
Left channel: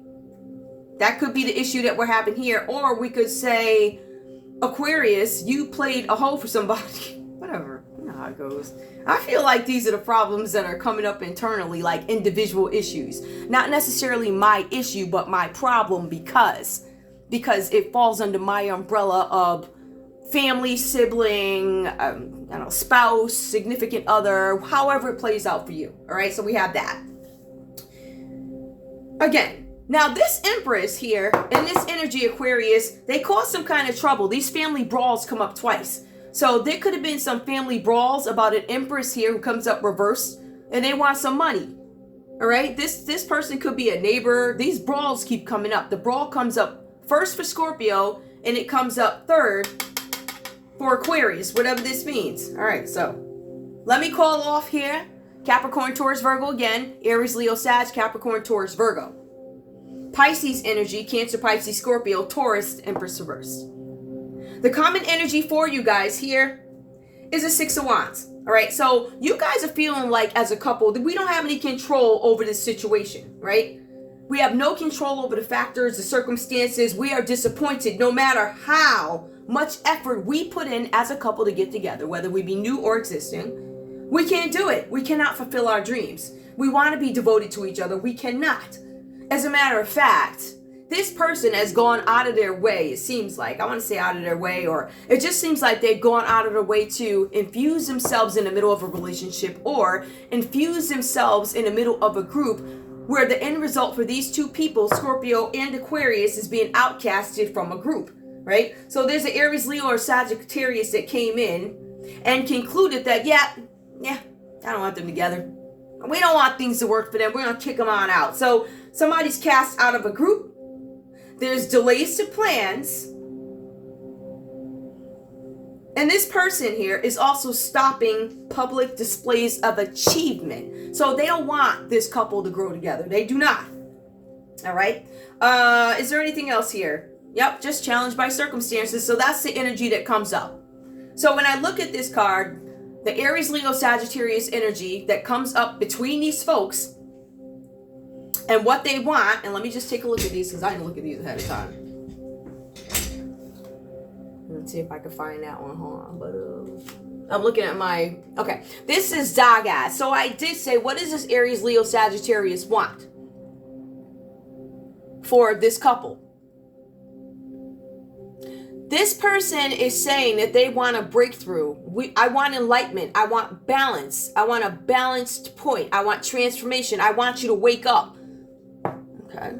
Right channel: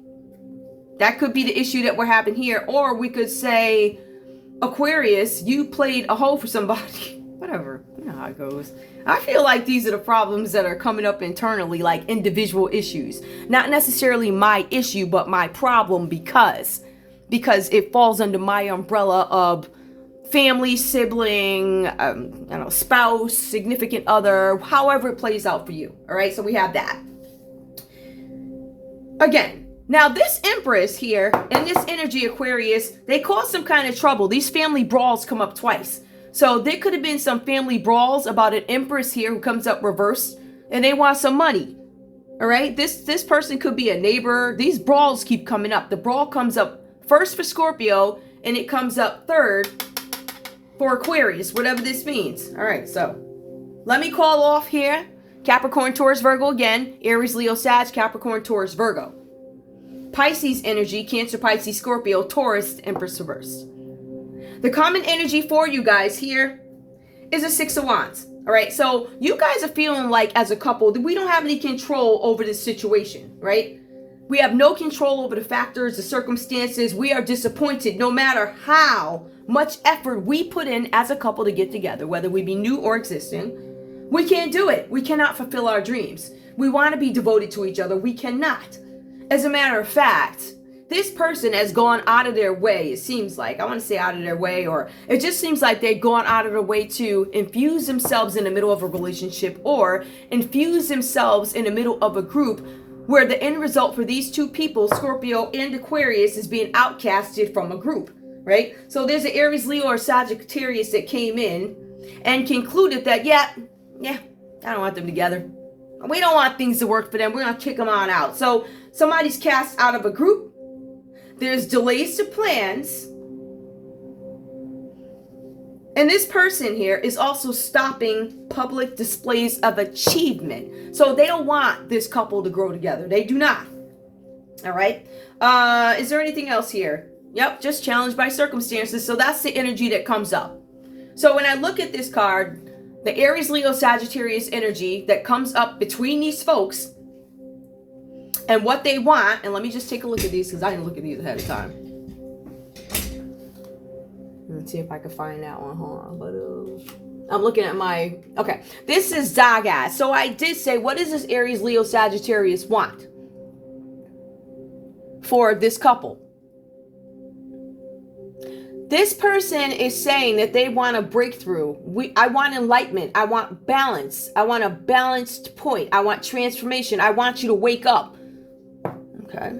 That could be the issue that we're having here. Or we could say, Aquarius, you played a hoe for somebody. Whatever, you know how it goes. I feel like these are the problems that are coming up internally, like individual issues. Not necessarily my issue, but my problem because it falls under my umbrella of family, sibling, spouse, significant other, however it plays out for you. All right, so we have that. Again, now this Empress here and this energy Aquarius, they cause some kind of trouble. These family brawls come up twice. So there could have been some family brawls about an Empress here who comes up reversed and they want some money. All right, this person could be a neighbor. These brawls keep coming up. The brawl comes up first for Scorpio and it comes up third for Aquarius, whatever this means. All right, so let me call off here. Capricorn, Taurus, Virgo again. Aries, Leo, Sag, Capricorn, Taurus, Virgo. Pisces energy, Cancer, Pisces, Scorpio, Taurus, Empress reversed. The common energy for you guys here is a Six of Wands. All right, so you guys are feeling like as a couple that we don't have any control over this situation, right? We have no control over the factors, the circumstances. We are disappointed no matter how much effort we put in as a couple to get together, whether we be new or existing. We can't do it. We cannot fulfill our dreams. We want to be devoted to each other. We cannot. As a matter of fact, this person has gone out of their way, it seems like. I want to say out of their way, or it just seems like they've gone out of their way to infuse themselves in the middle of a relationship or infuse themselves in the middle of a group where the end result for these two people, Scorpio and Aquarius, is being outcasted from a group, right? So there's an Aries, Leo, or Sagittarius that came in and concluded that, yeah, I don't want them together. We don't want things to work for them. We're going to kick them on out. So somebody's cast out of a group. There's delays to plans. And this person here is also stopping public displays of achievement. So they don't want this couple to grow together. They do not. All right. Is there anything else here? Yep, just challenged by circumstances. So that's the energy that comes up. So when I look at this card, the Aries, Leo, Sagittarius energy that comes up between these folks and what they want, and let me just take a look at these because I didn't look at these ahead of time. Let's see if I can find that one. Hold on. But I'm looking at my... Okay. This is Zagat. So I did say, what does this Aries, Leo, Sagittarius want for this couple? This person is saying that they want a breakthrough. I want enlightenment. I want balance. I want a balanced point. I want transformation. I want you to wake up. Okay.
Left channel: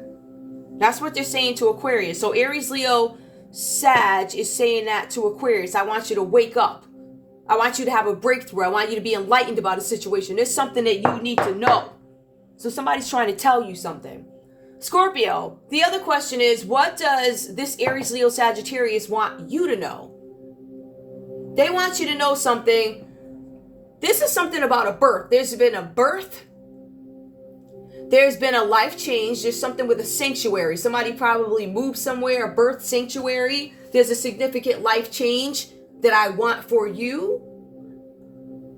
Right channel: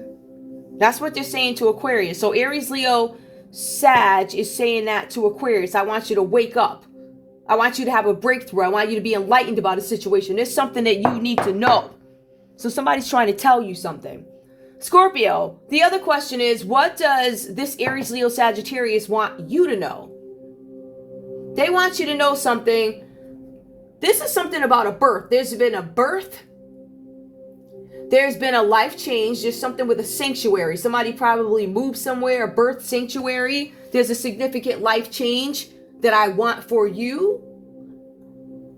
That's what they're saying to Aquarius. So Aries, Leo, Sag is saying that to Aquarius. I want you to wake up. I want you to have a breakthrough. I want you to be enlightened about a situation. There's something that you need to know. So somebody's trying to tell you something. Scorpio, the other question is, what does this Aries, Leo, Sagittarius want you to know? They want you to know something. This is something about a birth. There's been a birth. There's been a life change. There's something with a sanctuary. Somebody probably moved somewhere, a birth sanctuary. There's a significant life change that I want for you.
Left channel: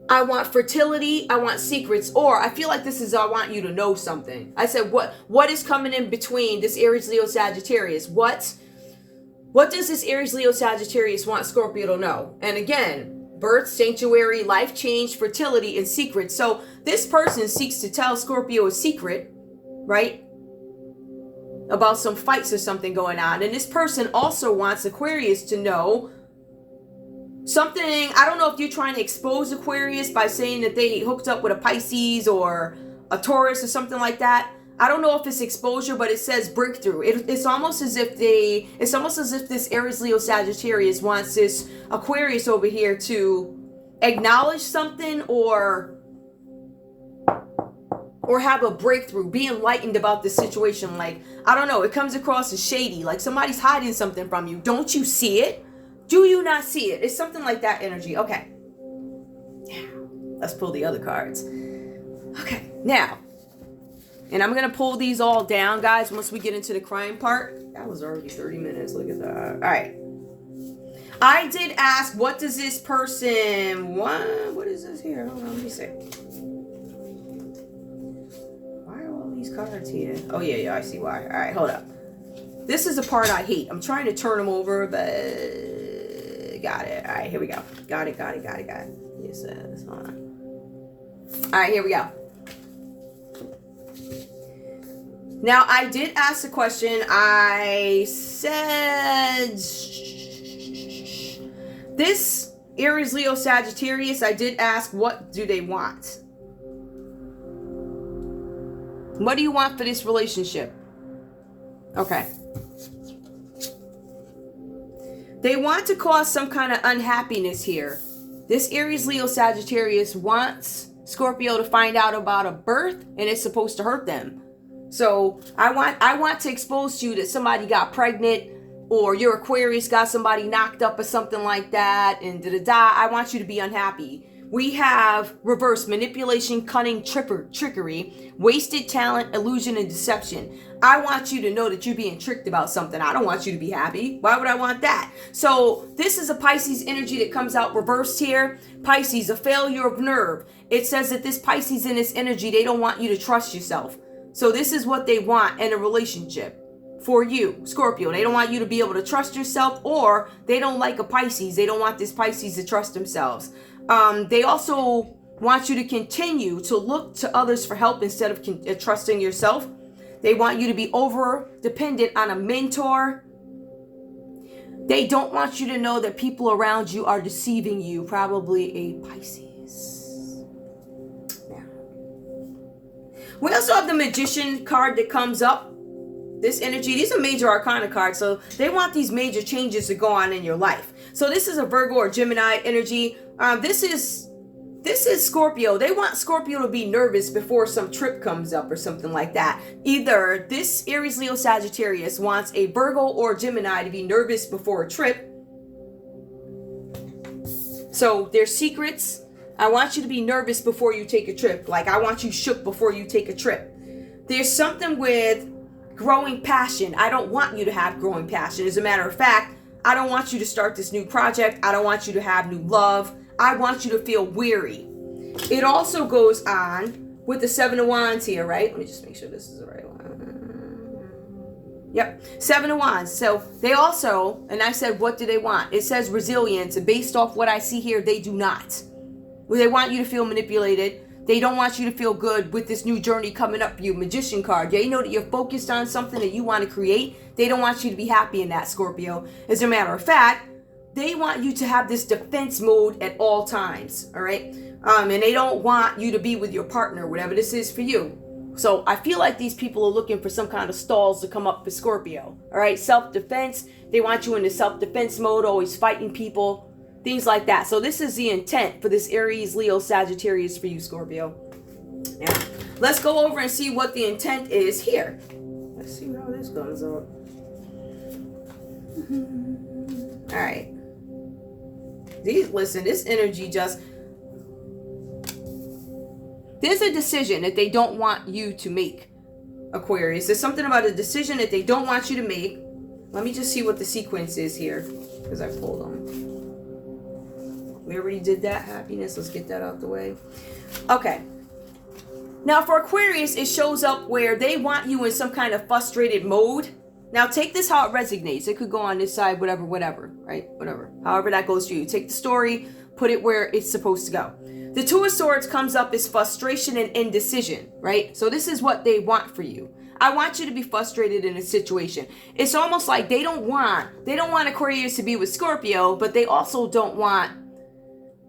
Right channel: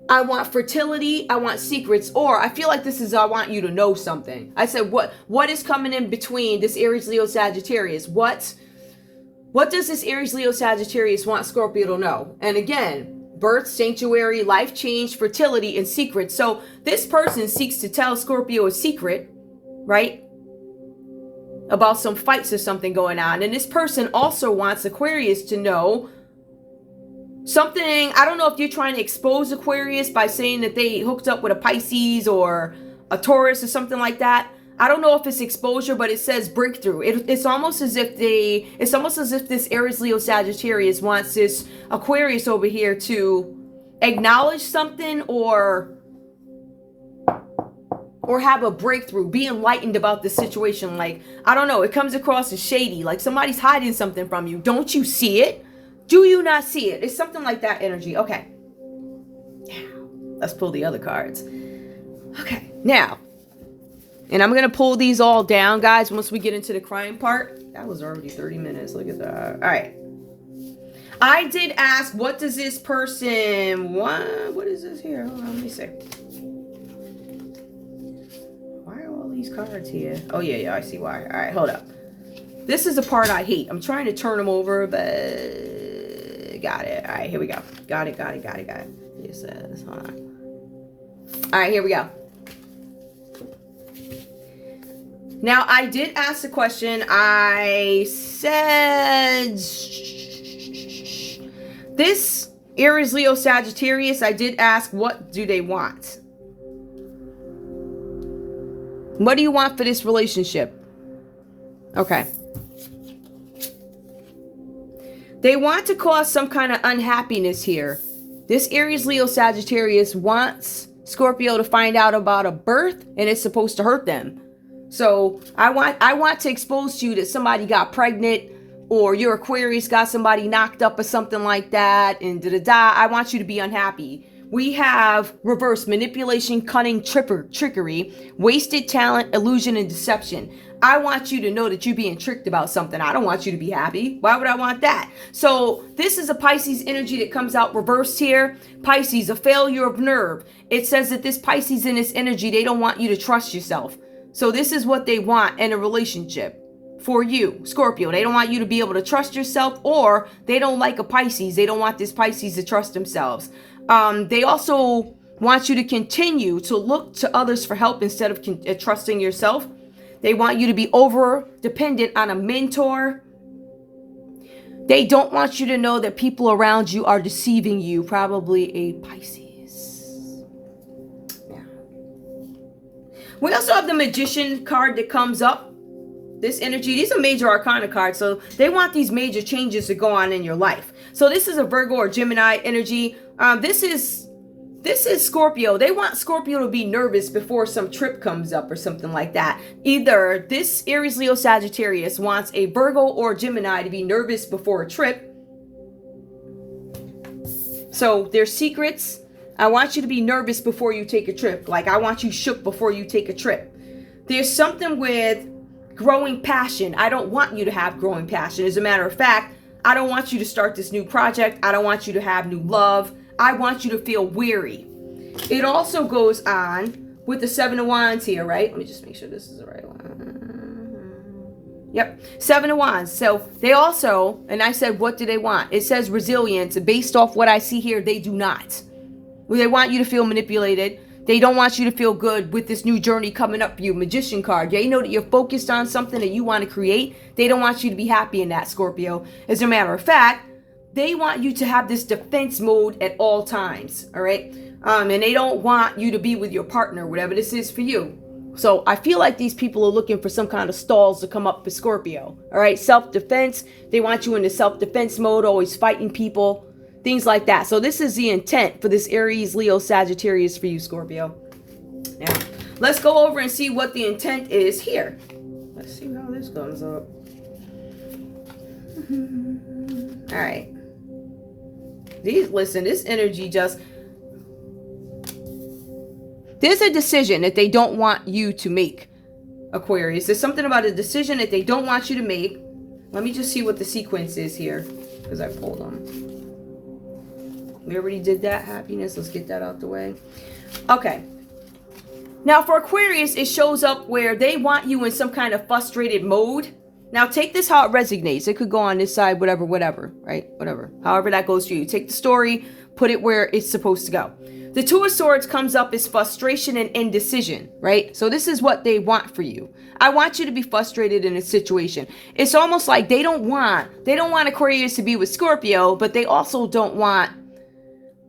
I want fertility. I want secrets. Or I feel like this is, I want you to know something. I said, what is coming in between this Aries, Leo, Sagittarius? What does this Aries, Leo, Sagittarius want Scorpio to know? And again, birth, sanctuary, life change, fertility, and secrets. So this person seeks to tell Scorpio a secret, right? About some fights or something going on. And this person also wants Aquarius to know something. I don't know if you're trying to expose Aquarius by saying that they hooked up with a Pisces or a Taurus or something like that. I don't know if it's exposure, but it says breakthrough. It's almost as if this Aries, Leo, Sagittarius wants this Aquarius over here to acknowledge something or have a breakthrough, be enlightened about the situation. Like, I don't know, it comes across as shady, like somebody's hiding something from you. Don't you see it? Do you not see it? It's something like that energy. Okay. Let's pull the other cards. Okay. Now, and I'm going to pull these all down, guys, once we get into the crime part. That was already 30 minutes. Look at that. All right. I did ask, what does this person want? What is this here? Hold on, let me see. Why are all these cards here? Oh, yeah, I see why. All right, hold up. This is the part I hate. I'm trying to turn them over, but... Got it. All right, here we go. Got it. Yes, hold on. All right, here we go. Now, I did ask the question. I said, this Aries, Leo, Sagittarius, I did ask, what do they want? What do you want for this relationship? Okay. They want to cause some kind of unhappiness here. This Aries, Leo, Sagittarius wants Scorpio to find out about a birth, and it's supposed to hurt them. So I want to expose to you that somebody got pregnant, or your Aquarius got somebody knocked up or something like that, and I want you to be unhappy. We have reverse manipulation, cunning, trickery, wasted talent, illusion, and deception. I want you to know that you're being tricked about something. I don't want you to be happy. Why would I want that? So this is a Pisces energy that comes out reversed here. Pisces, a failure of nerve. It says that this Pisces in this energy, they don't want you to trust yourself. So this is what they want in a relationship. For you, Scorpio, they don't want you to be able to trust yourself, or they don't like a Pisces. They don't want this Pisces to trust themselves. They also want you to continue to look to others for help instead of trusting yourself. They want you to be over dependent on a mentor. They don't want you to know that people around you are deceiving you. Probably a Pisces. Yeah. We also have the Magician card that comes up. This energy, these are major arcana cards, so they want these major changes to go on in your life. So this is a Virgo or Gemini energy. This is Scorpio. They want Scorpio to be nervous before some trip comes up or something like that. Either this Aries, Leo, Sagittarius wants a Virgo or Gemini to be nervous before a trip. So there's secrets. I want you to be nervous before you take a trip. Like, I want you shook before you take a trip. There's something with growing passion. I don't want you to have growing passion. As a matter of fact, I don't want you to start this new project. I don't want you to have new love. I want you to feel weary. It also goes on with the Seven of Wands here, right? Let me just make sure this is the right one. Yep, Seven of Wands. So they also, and I said, what do they want? It says resilience. Based off what I see here, they do not. They want you to feel manipulated. They don't want you to feel good with this new journey coming up for you. Magician card. They know that you're focused on something that you want to create. They don't want you to be happy in that, Scorpio. As a matter of fact, they want you to have this defense mode at all times. All right. And they don't want you to be with your partner, whatever this is for you. So I feel like these people are looking for some kind of stalls to come up for Scorpio. All right. Self-defense. They want you in the self-defense mode, always fighting people. Things like that. So this is the intent for this Aries, Leo, Sagittarius for you, Scorpio. Now, let's go over and see what the intent is here. Let's see how this goes up. All right. Listen, this energy just... There's a decision that they don't want you to make, Aquarius. There's something about a decision that they don't want you to make. Let me just see what the sequence is here, because I pulled them. We already did that. Happiness. Let's get that out the way. Okay. Now for Aquarius, it shows up where they want you in some kind of frustrated mode. Now take this how it resonates. It could go on this side, whatever, right? Whatever. However that goes for you. Take the story, put it where it's supposed to go. The Two of Swords comes up as frustration and indecision, right? So this is what they want for you. I want you to be frustrated in a situation. It's almost like they don't want Aquarius to be with Scorpio, but they also don't want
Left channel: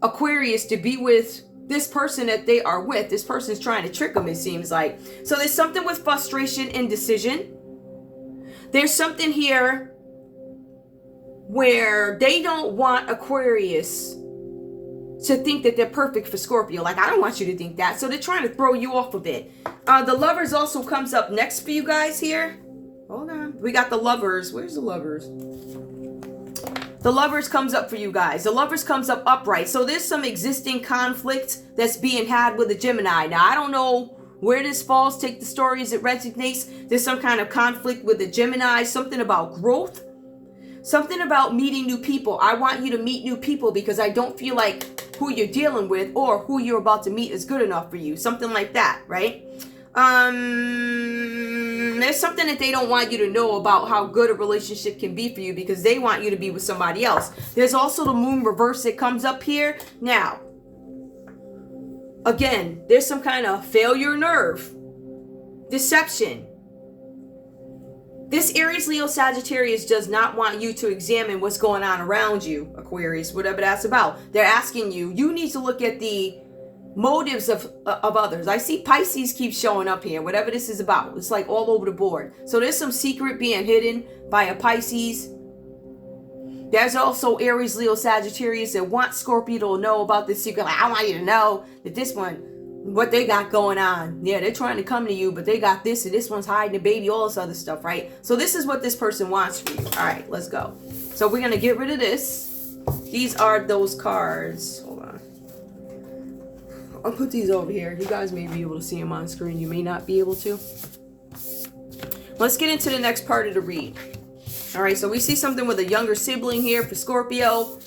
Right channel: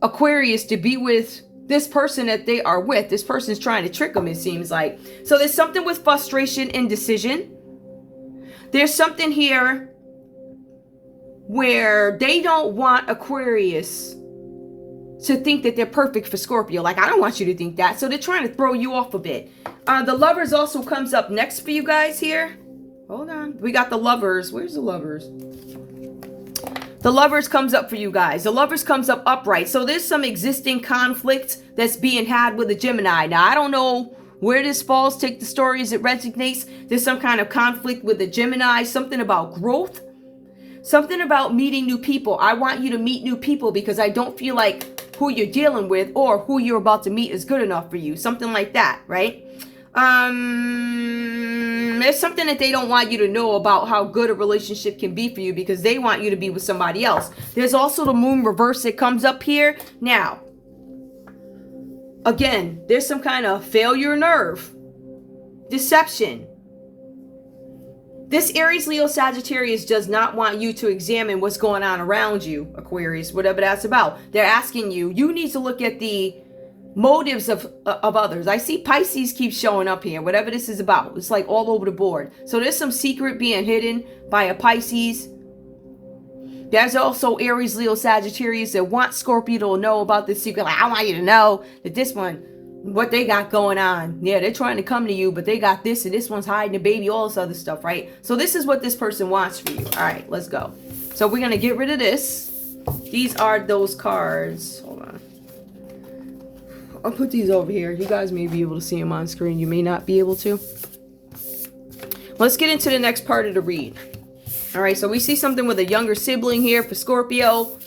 Aquarius to be with this person that they are with. This person's trying to trick them, it seems like. So there's something with frustration, indecision. There's something here where they don't want Aquarius to think that they're perfect for Scorpio. Like, I don't want you to think that. So they're trying to throw you off a bit. The Lovers also comes up next for you guys here. Hold on. We got the Lovers. Where's the Lovers? The Lovers comes up for you guys. The Lovers comes up upright. So there's some existing conflict that's being had with a Gemini. Now, I don't know where this falls. Take the story as it resonates. There's some kind of conflict with the Gemini. Something about growth. Something about meeting new people. I want you to meet new people because I don't feel like who you're dealing with or who you're about to meet is good enough for you. Something like that, right? There's something that they don't want you to know about how good a relationship can be for you because they want you to be with somebody else. There's also the Moon reverse that comes up here. Now, again, there's some kind of failure nerve, deception. This Aries, Leo, Sagittarius does not want you to examine what's going on around you, Aquarius, whatever that's about. They're asking you, you need to look at the motives of others. I see Pisces keeps showing up here, whatever this is about. It's like all over the board. So there's some secret being hidden by a Pisces. There's also Aries, Leo, Sagittarius that want Scorpio to know about this secret. Like, I want you to know that this one, what they got going on. Yeah, they're trying to come to you, but they got this, and this one's hiding a baby, all this other stuff, right? So this is what this person wants for you. All right, let's go. So we're going to get rid of this. These are those cards. Hold on. I'll put these over here. You guys may be able to see them on screen. You may not be able to. Let's get into the next part of the read. All right, so we see something with a younger sibling here for Scorpio.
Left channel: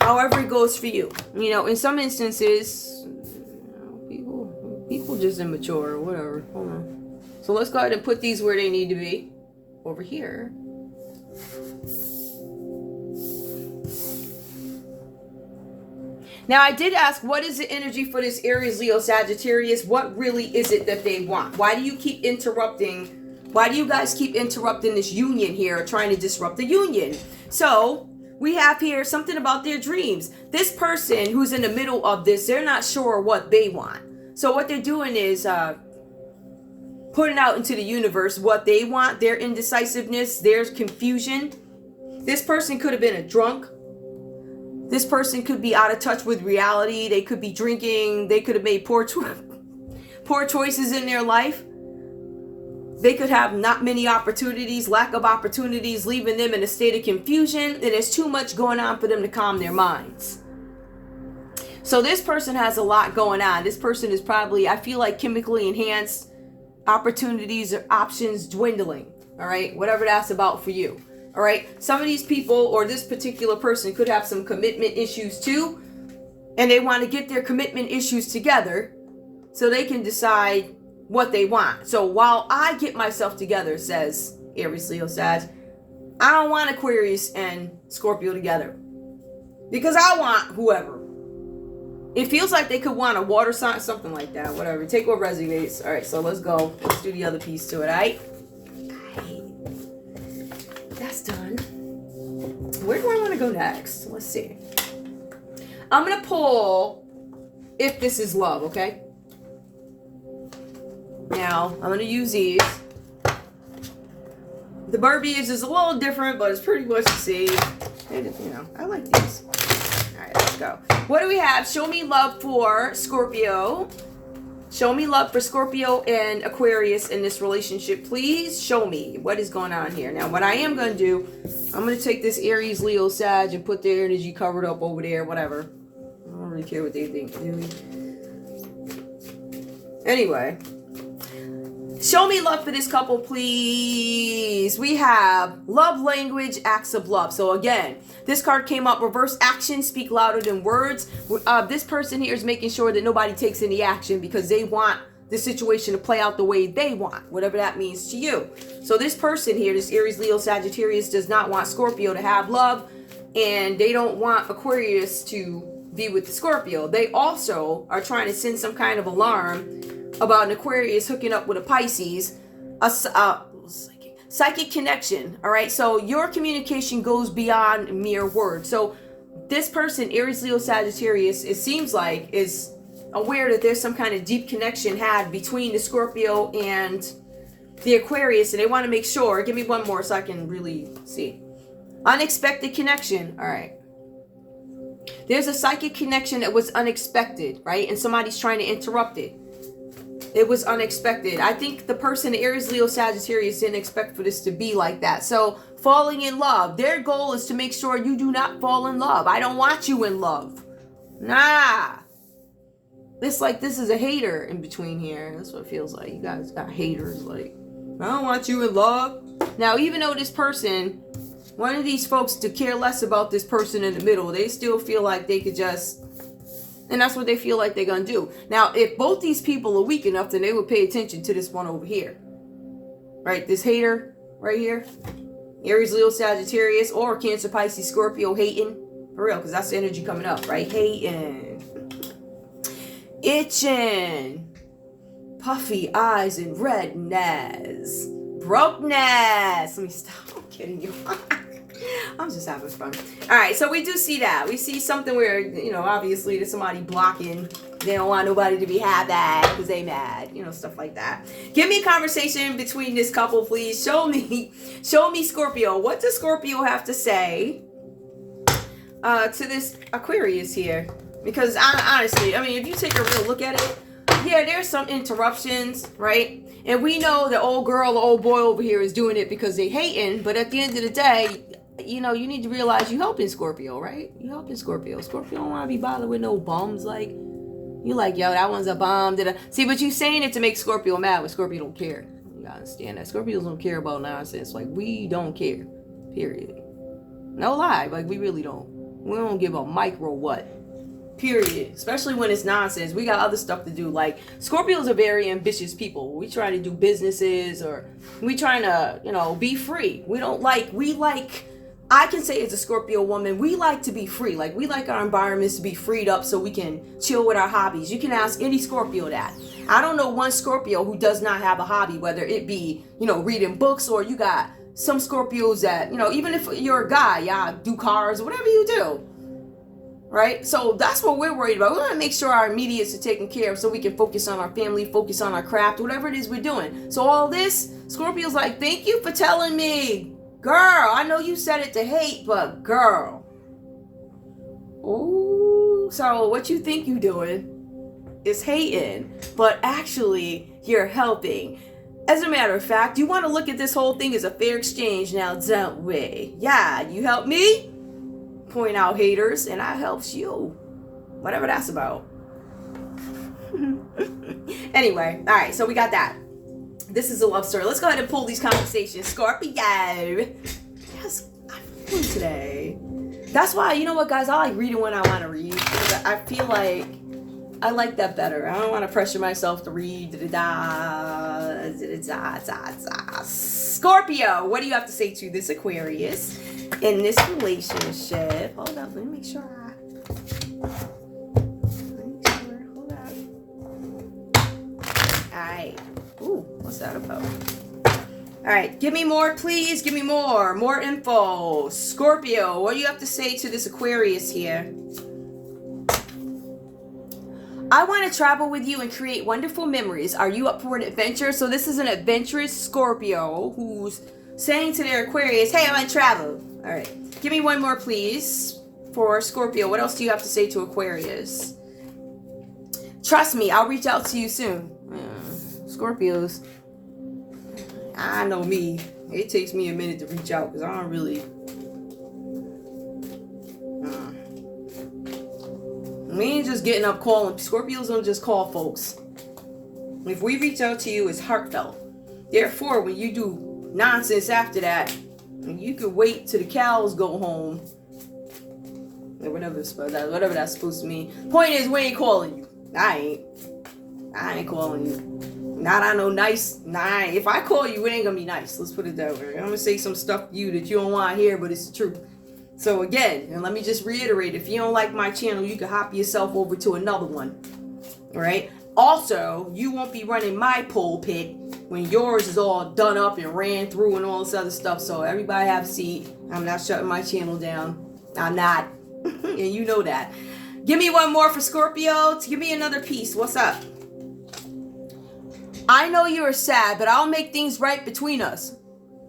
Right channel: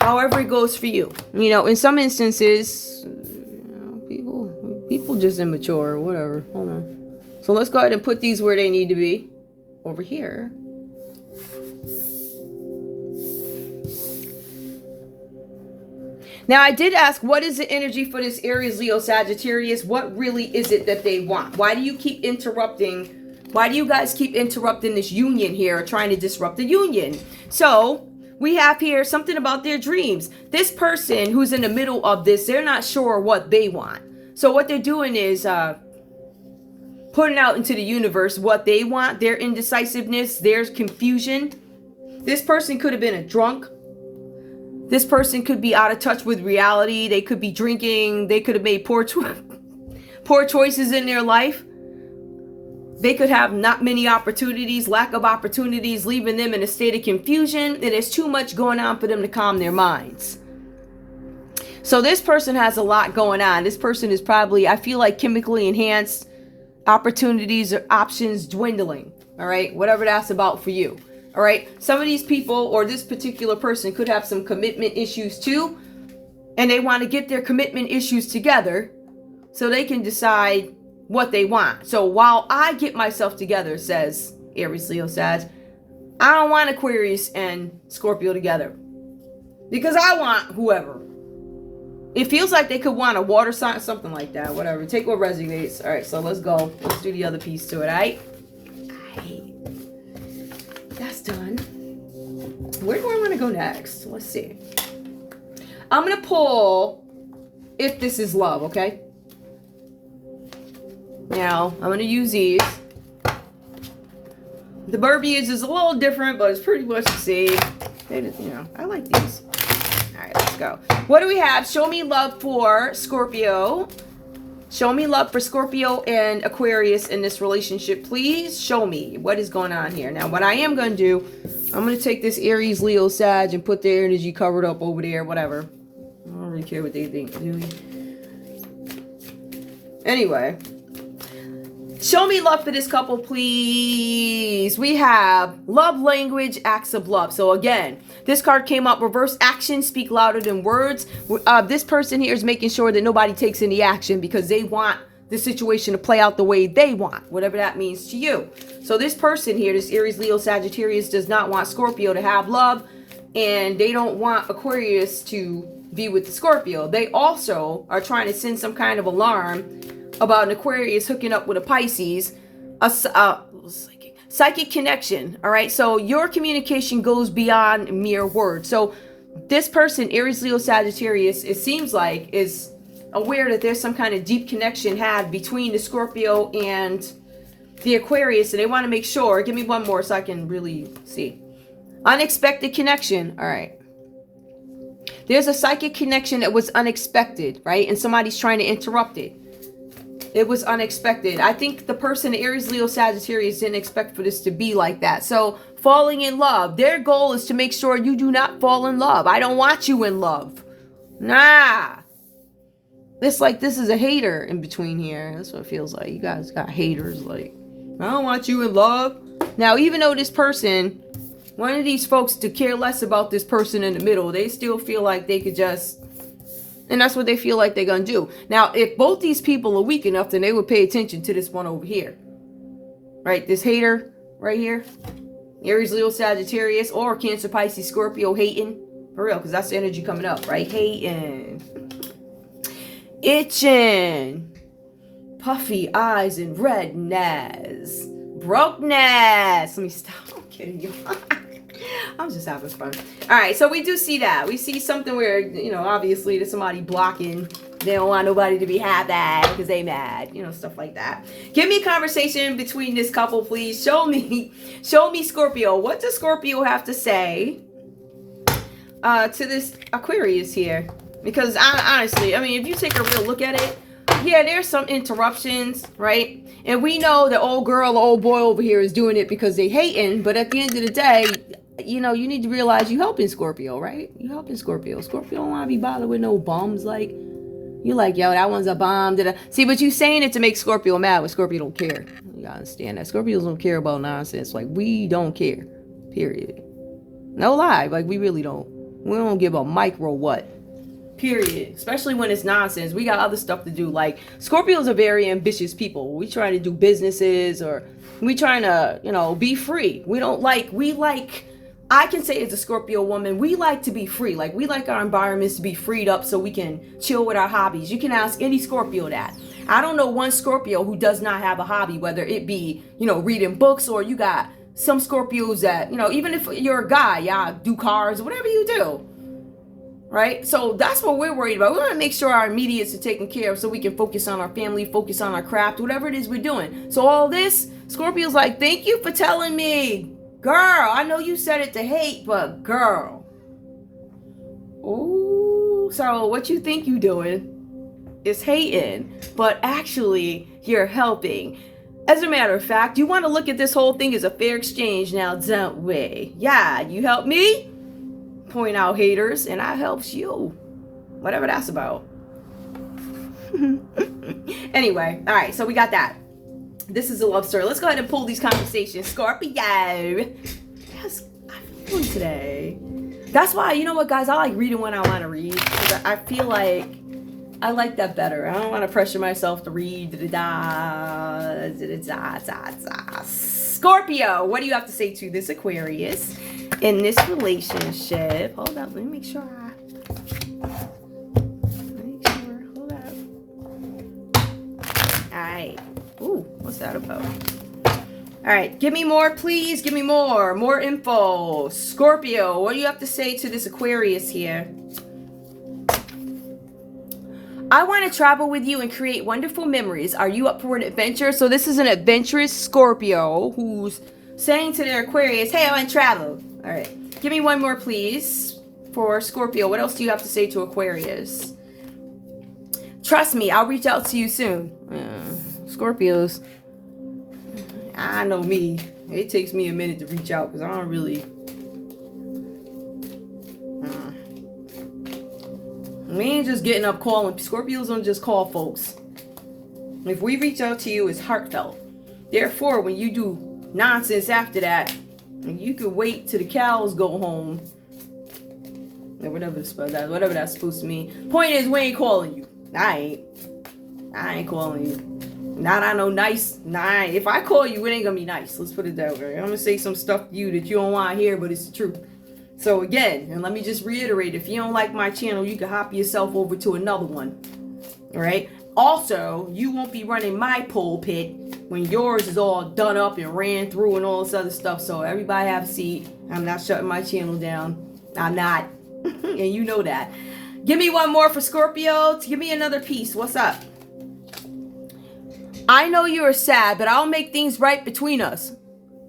However it goes for you. You know, in some instances, people just immature or whatever. Hold on. So let's go ahead and put these where they need to be. Over here. Now, I did ask, what is the energy for this Aries, Leo, Sagittarius? What really is it that they want? Why do you keep interrupting? Why do you guys keep interrupting this union here, or trying to disrupt the union? So we have here something about their dreams. This person who's in the middle of this, they're not sure what they want. So what they're doing is putting out into the universe what they want, their indecisiveness, their confusion. This person could have been a drunk. This person could be out of touch with reality. They could be drinking. They could have made poor choices in their life. They could have not many opportunities, lack of opportunities, leaving them in a state of confusion. And there's too much going on for them to calm their minds. So this person has a lot going on. This person is probably, I feel like, chemically enhanced, opportunities or options dwindling. All right, whatever that's about for you. All right, some of these people or this particular person could have some commitment issues too. And they want to get their commitment issues together so they can decide what they want. So while I get myself together, says Aries, Leo, Sag, I don't want Aquarius and Scorpio together because I want whoever. It feels like they could want a water sign, something like that, whatever. Take what resonates. All right, so let's go. Let's do the other piece to it, all right? That's done. Where do I want to go next? Let's see. I'm going to pull If This Is Love, okay? Now, I'm going to use these. The verbiage is a little different, but it's pretty much the same. And, you know, I like these. All right, let's go. What do we have? Show me love for Scorpio. Show me love for Scorpio and Aquarius in this relationship. Please show me what is going on here. Now, what I am going to do, I'm going to take this Aries, Leo, Sag and put their energy covered up over there, whatever. I don't really care what they think, do we? Anyway. Show me love for this couple, please. We have love language, acts of love. So again, this card came up, reverse action, speak louder than words. This person here is making sure that nobody takes any action because they want the situation to play out the way they want, whatever that means to you. So this person here, this Aries, Leo, Sagittarius, does not want Scorpio to have love, and they don't want Aquarius to be with the Scorpio. They also are trying to send some kind of alarm about an Aquarius hooking up with a Pisces, a psychic connection. All right, so your communication goes beyond mere words. So this person, Aries, Leo, Sagittarius, it seems like is aware that there's some kind of deep connection had between the Scorpio and the Aquarius, and they want to make sure. Give me one more so I can really see. Unexpected connection. All right. There's a psychic connection that was unexpected, right? And somebody's trying to interrupt it. It was unexpected. I think the person, Aries, Leo, Sagittarius, didn't expect for this to be like that. So falling in love. Their goal is to make sure you do not fall in love. I don't want you in love. Nah. It's like this is a hater in between here. That's what it feels like. You guys got haters like, I don't want you in love. Now, even though this person, one of these folks to care less about this person in the middle, they still feel like they could just, and that's what they feel like they're going to do. Now, if both these people are weak enough, then they would pay attention to this one over here. Right? This hater right here. Aries, Leo, Sagittarius, or Cancer, Pisces, Scorpio, hating. For real, because that's the energy coming up, right? Hating. Itching. Puffy eyes and redness. Brokeness. Let me stop. I'm kidding you. I'm just having fun. All right, so we do see that. We see something where, you know, obviously there's somebody blocking They don't want nobody to be happy because they mad. You know, stuff like that. Give me a conversation between this couple, please. Show me Scorpio. What does Scorpio have to say to this Aquarius here? Because honestly, I mean, if you take a real look at it, yeah, there's some interruptions, right? And we know the old girl, the old boy over here is doing it because they hating. But at the end of the day, you know, you need to realize you helping Scorpio, right? You helping Scorpio. Scorpio don't want to be bothered with no bums. Like, you like, yo, that one's a bomb. See, but you saying it to make Scorpio mad, but Scorpio don't care. You gotta understand that. Scorpios don't care about nonsense. Like, we don't care. Period. No lie. Like, we really don't. We don't give a micro what. Period. Especially when it's nonsense. We got other stuff to do. Like, Scorpios are very ambitious people. We try to do businesses, or we trying to, you know, be free. We like, I can say as a Scorpio woman, we like to be free. Like, we like our environments to be freed up so we can chill with our hobbies. You can ask any Scorpio that. I don't know one Scorpio who does not have a hobby, whether it be, you know, reading books, or you got some Scorpios that, you know, even if you're a guy, y'all do cars, whatever you do. Right? So that's what we're worried about. We want to make sure our immediates are taken care of so we can focus on our family, focus on our craft, whatever it is we're doing. So all this, Scorpio's like, thank you for telling me. Girl, I know you said it to hate, but girl. Ooh, so what you think you doing is hating, but actually you're helping. As a matter of fact, you want to look at this whole thing as a fair exchange now, don't we? Yeah, you help me point out haters, and I helps you. Whatever that's about. Anyway, all right, so we got that. This is a love story. Let's go ahead and pull these conversations. Scorpio. Yes, I'm feeling today. That's why, you know what, guys? I like reading when I want to read. I feel like I like that better. I don't want to pressure myself to read. Scorpio, what do you have to say to this Aquarius in this relationship? Hold up, let me make sure. Hold up. All right. Ooh, what's that about? All right, give me more, please. Give me more info. Scorpio, what do you have to say to this Aquarius here? I want to travel with you and create wonderful memories. Are you up for an adventure? So this is an adventurous Scorpio who's saying to their Aquarius, hey, I want to travel. All right, give me one more, please, for Scorpio. What else do you have to say to Aquarius? Trust me, I'll reach out to you soon. Scorpios, I know me. It takes me a minute to reach out because I don't really... We ain't just getting up calling. Scorpios don't just call folks. If we reach out to you, it's heartfelt. Therefore, when you do nonsense after that, you can wait till the cows go home. Whatever that's supposed to mean. Point is, we ain't calling you. I ain't calling you. Not I know nice. Nah, if I call you, it ain't gonna be nice. Let's put it that way. I'm gonna say some stuff to you that you don't want to hear, but it's the truth. So again, and let me just reiterate, if you don't like my channel, you can hop yourself over to another one. All right. Also, you won't be running my pulpit when yours is all done up and ran through and all this other stuff. So everybody have a seat. I'm not shutting my channel down. I'm not. And you know that. Give me one more for Scorpio. Give me another piece. What's up? I know you're sad, but I'll make things right between us.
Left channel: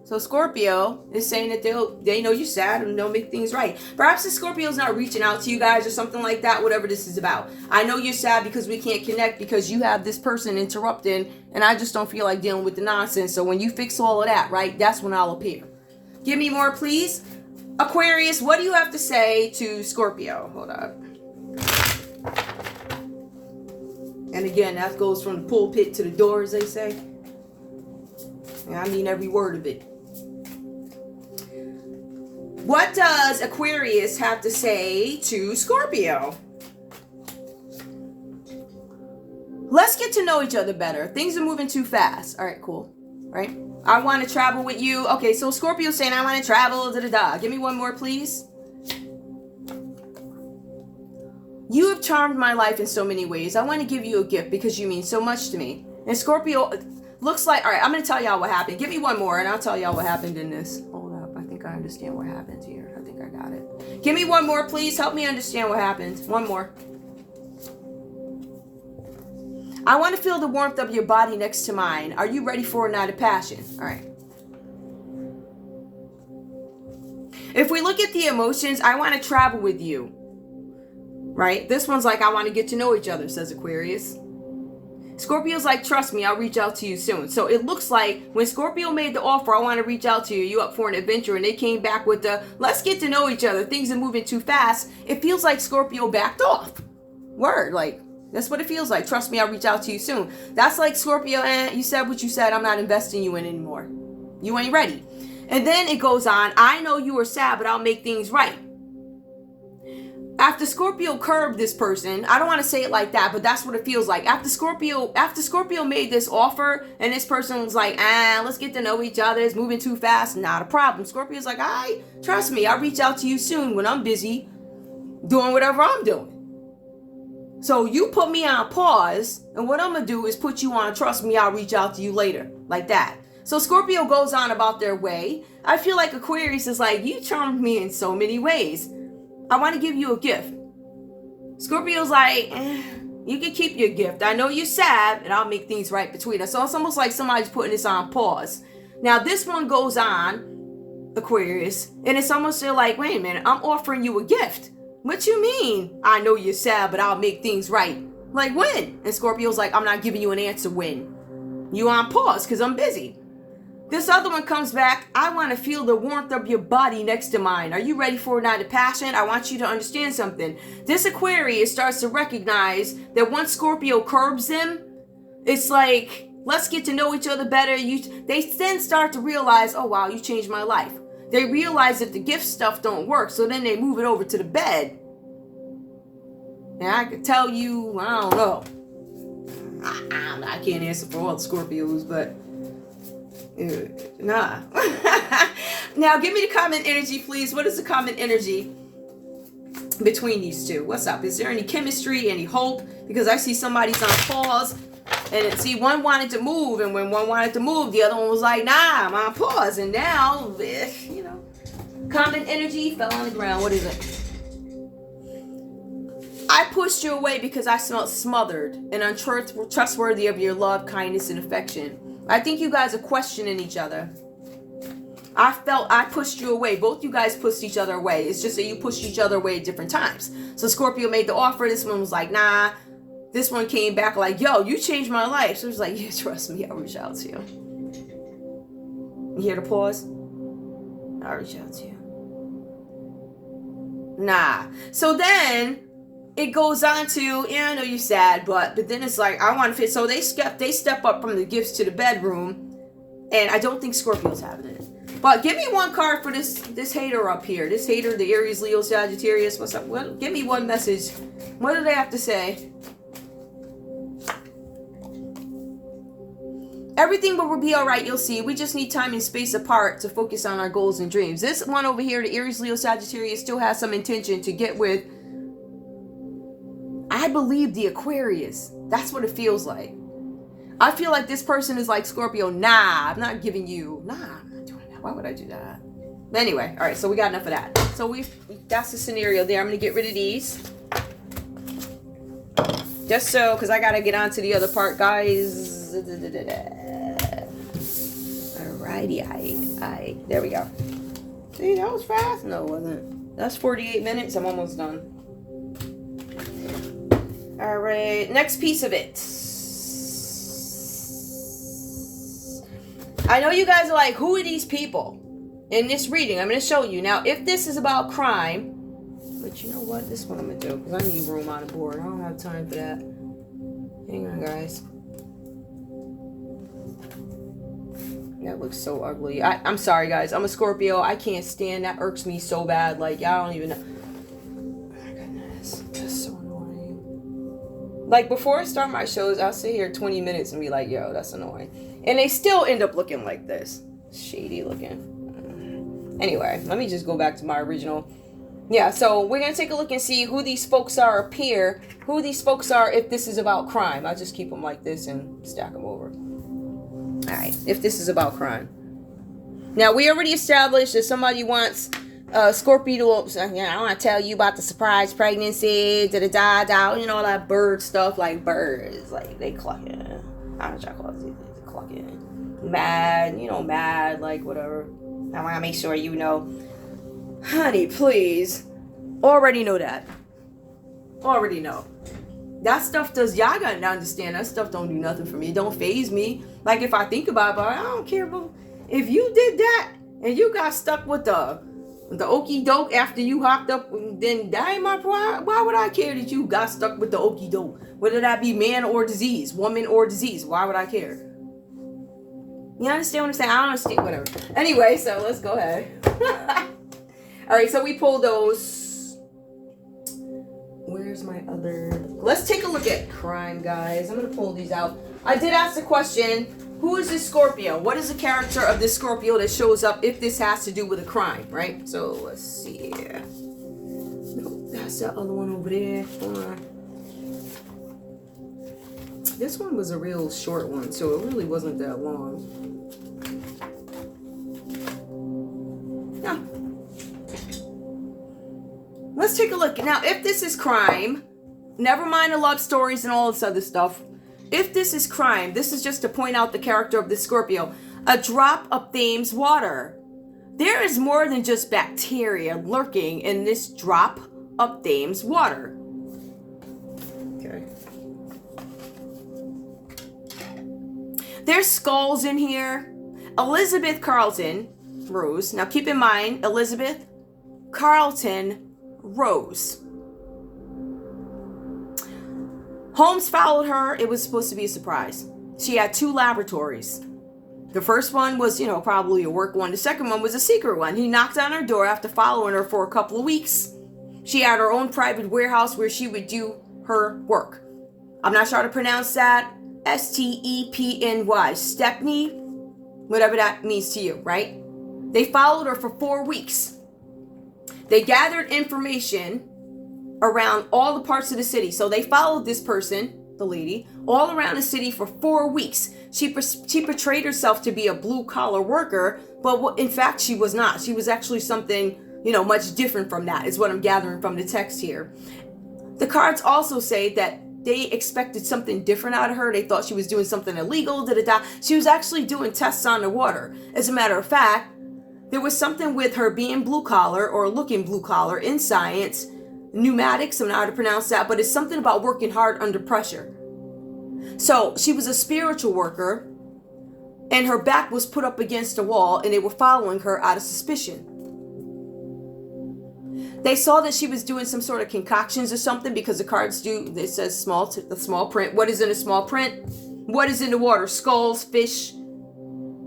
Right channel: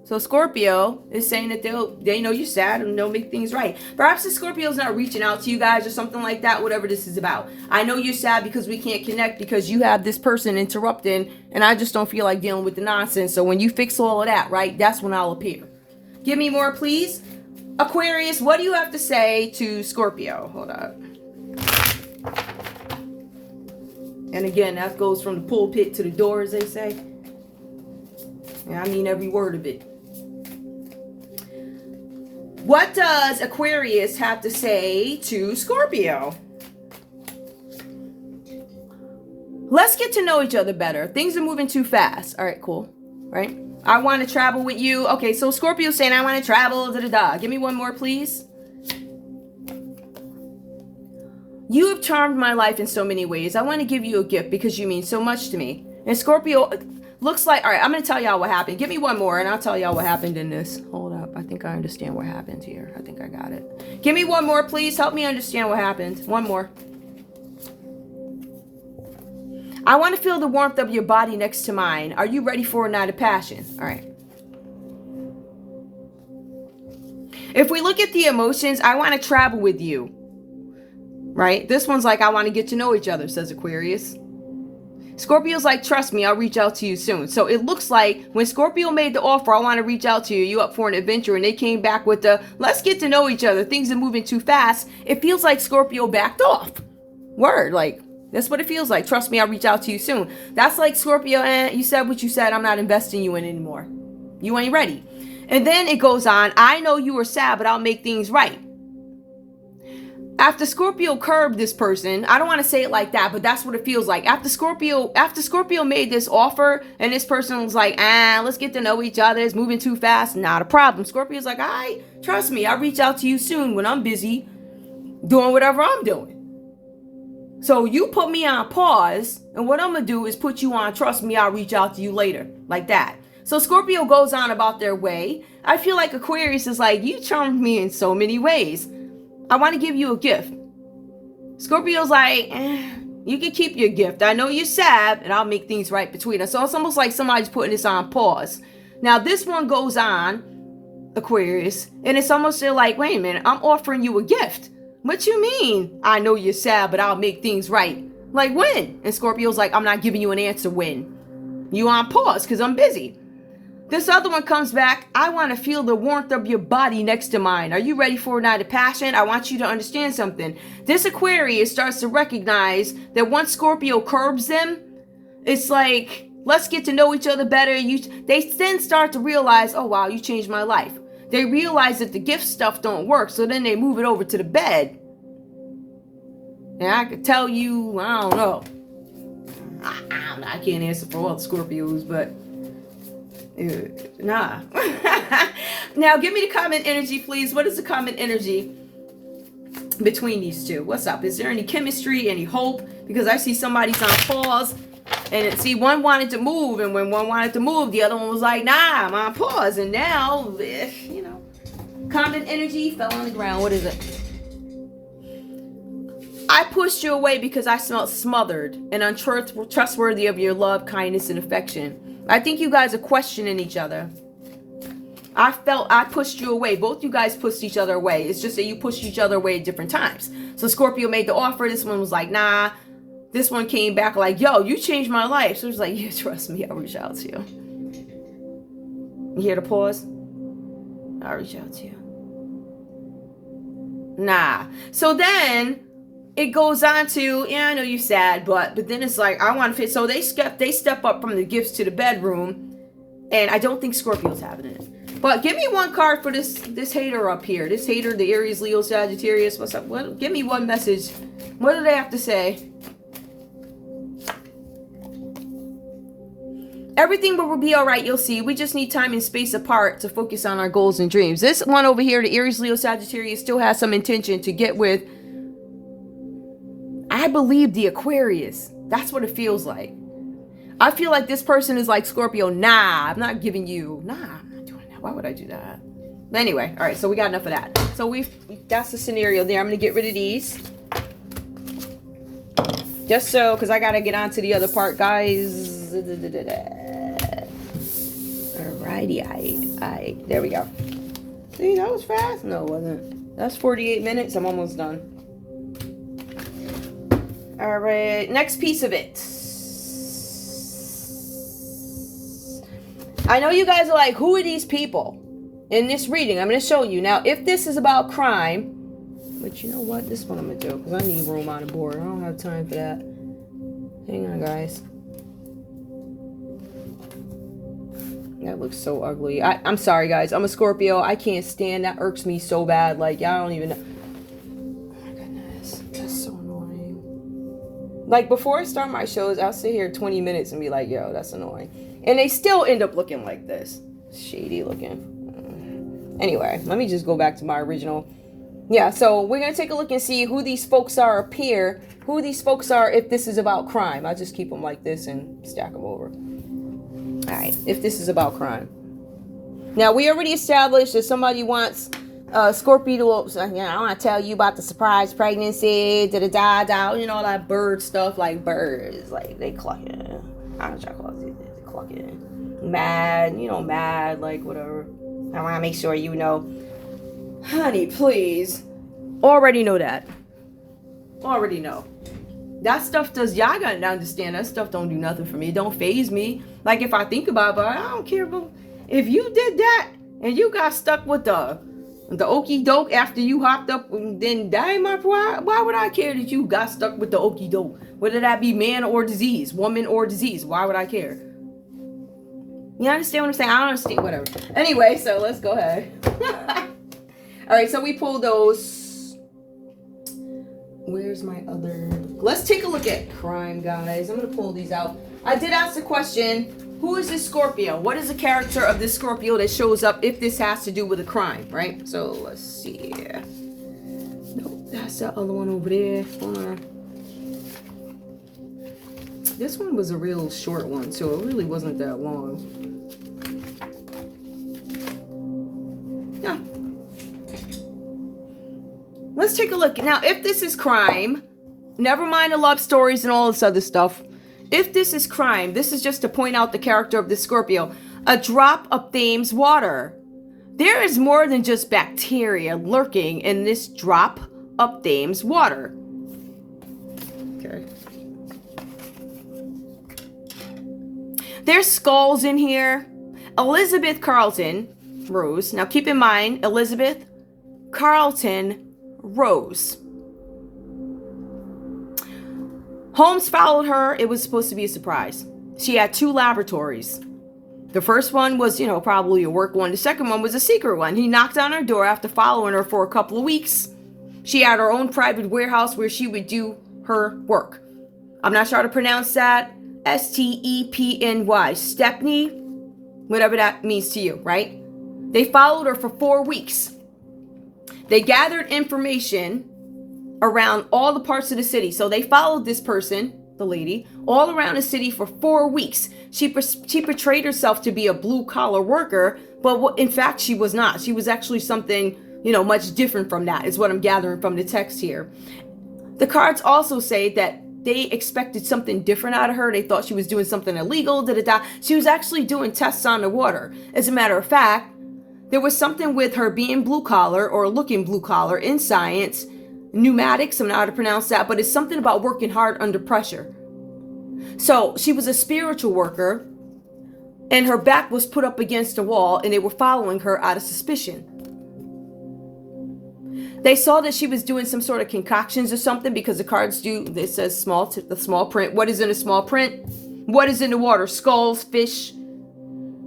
So Scorpio is saying that they know you're sad and they'll make things right. Perhaps the Scorpio's not reaching out to you guys or something like that, whatever this is about. I know you're sad because we can't connect because you have this person interrupting and I just don't feel like dealing with the nonsense. So when you fix all of that, right, that's when I'll appear. Give me more, please. Aquarius, what do you have to say to Scorpio? Hold up. And again, that goes from the pulpit to the door, as they say. And I mean every word of it. What does Aquarius have to say to Scorpio? Let's get to know each other better. Things are moving too fast. All right, cool. Right? I want to travel with you. Okay, so Scorpio's saying I want to travel. Give me one more, please. You have charmed my life in so many ways. I want to give you a gift because you mean so much to me. And Scorpio looks like... All right, I'm going to tell y'all what happened. Give me one more and I'll tell y'all what happened in this. Hold up. I think I understand what happened here. I think I got it. Give me one more, please. Help me understand what happened. One more. I want to feel the warmth of your body next to mine. Are you ready for a night of passion? All right. If we look at the emotions, I want to travel with you. Right? This one's like, I want to get to know each other, says Aquarius. Scorpio's like, trust me, I'll reach out to you soon. So it looks like when Scorpio made the offer, I want to reach out to you, you up for an adventure, and they came back with the, let's get to know each other, things are moving too fast. It feels like Scorpio backed off. Word, like, that's what it feels like. Trust me, I'll reach out to you soon. That's like Scorpio, you said what you said, I'm not investing you in anymore. You ain't ready. And then it goes on, I know you were sad, but I'll make things right. After Scorpio curbed this person, I don't want to say it like that, but that's what it feels like. After Scorpio made this offer and this person was like, let's get to know each other. It's moving too fast. Not a problem. Scorpio's like, trust me, I'll reach out to you soon when I'm busy doing whatever I'm doing. So you put me on pause, and what I'm going to do is put you on, trust me, I'll reach out to you later. Like that. So Scorpio goes on about their way. I feel like Aquarius is like, you charmed me in so many ways. I want to give you a gift. Scorpio's like, you can keep your gift. I know you're sad, and I'll make things right between us. So it's almost like somebody's putting this on pause. Now, this one goes on, Aquarius, and it's almost like, wait a minute, I'm offering you a gift. What you mean? I know you're sad, but I'll make things right. Like, when? And Scorpio's like, I'm not giving you an answer when. You on pause, because I'm busy. This other one comes back. I want to feel the warmth of your body next to mine. Are you ready for a night of passion? I want you to understand something. This Aquarius starts to recognize that once Scorpio curbs them, it's like, let's get to know each other better. They then start to realize, oh, wow, you changed my life. They realize that the gift stuff don't work, so then they move it over to the bed. And I could tell you, I don't know. I can't answer for all the Scorpios, but... nah. Now give me the common energy, please. What is the common energy between these two? What's up? Is there any chemistry, any hope? Because I see somebody's on pause, and see, one wanted to move, and when one wanted to move, the other one was like, nah, I'm on pause. And now, common energy fell on the ground. What is it? I pushed you away because I felt smothered and untrustworthy of your love, kindness, and affection. I think you guys are questioning each other. I felt I pushed you away. Both you guys pushed each other away. It's just that you pushed each other away at different times. So Scorpio made the offer. This one was like, nah. This one came back like, yo, you changed my life. So it was like, yeah, trust me, I'll reach out to you. You hear the pause? I'll reach out to you. Nah. So then... it goes on to, I know you're sad, but then it's like, I want to fit. So they step up from the gifts to the bedroom, and I don't think Scorpio's having it. But give me one card for this hater up here. This hater, the Aries, Leo, Sagittarius. What's up? Give me one message. What do they have to say? Everything will be all right, you'll see. We just need time and space apart to focus on our goals and dreams. This one over here, the Aries, Leo, Sagittarius, still has some intention to get with, I believe, the Aquarius. That's what it feels like. I feel like this person is like, Scorpio, nah, I'm not giving you, nah, I'm not doing that. Why would I do that? But anyway, all right, so we got enough of that. So that's the scenario there. I'm going to get rid of these. Just so, because I got to get on to the other part, guys. Alrighty, there we go. See, that was fast. No, it wasn't. That's 48 minutes. I'm almost done. All right, next piece of it. I know you guys are like, who are these people? In this reading, I'm going to show you. Now, if this is about crime, but you know what? This one I'm going to do, because I need room on the board. I don't have time for that. Hang on, guys. That looks so ugly. I'm sorry, guys. I'm a Scorpio. I can't stand that. Irks me so bad. Like, y'all don't even know. Oh, my goodness. That's so annoying. Like, before I start my shows, I'll sit here 20 minutes and be like, yo, that's annoying. And they still end up looking like this. Shady looking. Anyway, let me just go back to my original. Yeah, so we're going to take a look and see who these folks are up here. Who these folks are if this is about crime. I'll just keep them like this and stack them over. All right, if this is about crime. Now, we already established that somebody wants Scorpio, I want to tell you about the surprise pregnancy, all that bird stuff, like birds, like they clucking. I don't know what y'all call it, clucking. Mad, like whatever. I want to make sure you know. Honey, please. Already know that. Already know. That stuff y'all gotta understand, that stuff don't do nothing for me. It don't faze me. Like if I think about it, but I don't care about, if you did that and you got stuck with the okie doke after you hopped up, then that ain't my problem. Why would I care that you got stuck with the okie doke? Whether that be man or disease, woman or disease, why would I care? You understand what I'm saying? I don't understand, whatever. Anyway, so let's go ahead. All right, so we pulled those. Where's my other? Let's take a look at crime, guys. I'm going to pull these out. I did ask the question, who is this Scorpio? What is the character of this Scorpio that shows up if this has to do with a crime, right? So let's see here. No, that's the other one over there. Hold on. This one was a real short one, so it really wasn't that long. Yeah. Let's take a look. Now, if this is crime, never mind the love stories and all this other stuff. If this is crime, this is just to point out the character of the Scorpio. A drop of Thames water. There is more than just bacteria lurking in this drop of Thames water. Okay. There's skulls in here. Elizabeth Carlton Rose. Now keep in mind, Elizabeth Carlton Rose. Holmes followed her. It was supposed to be a surprise. She had 2 laboratories. The first one was, probably a work one. The second one was a secret one. He knocked on her door after following her for a couple of weeks. She had her own private warehouse where she would do her work. I'm not sure how to pronounce that. Stepny. Stepney. Whatever that means to you, right? They followed her for 4 weeks. They gathered information around all the parts of the city. So they followed this person, the lady, all around the city for 4 weeks. She portrayed herself to be a blue-collar worker, but in fact, she was not. She was actually something, much different from that, is what I'm gathering from the text here. The cards also say that they expected something different out of her. They thought she was doing something illegal, She was actually doing tests on the water. As a matter of fact, there was something with her being blue collar or looking blue collar in science, pneumatics, I'm not how to pronounce that, but it's something about working hard under pressure. So she was a spiritual worker and her back was put up against a wall and they were following her out of suspicion. They saw that she was doing some sort of concoctions or something because the cards it says the small print. What is in a small print? What is in the water? Skulls, fish,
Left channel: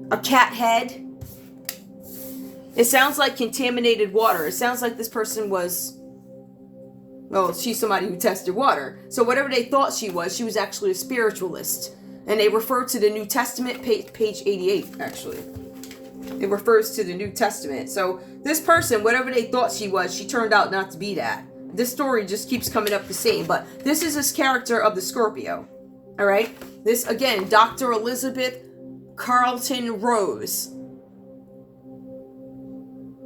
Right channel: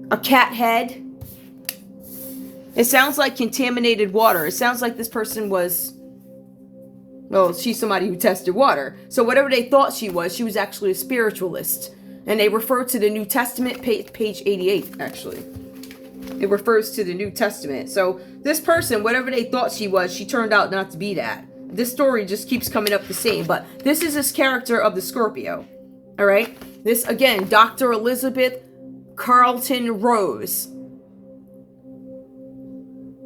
a cat head. It sounds like contaminated water. It sounds like this person was, she's somebody who tested water. So whatever they thought she was actually a spiritualist. And they refer to the New Testament, page 88, actually. It refers to the New Testament. So this person, whatever they thought she was, she turned out not to be that. This story just keeps coming up the same. But this is this character of the Scorpio. All right? This, again, Dr. Elizabeth Carlton Rose.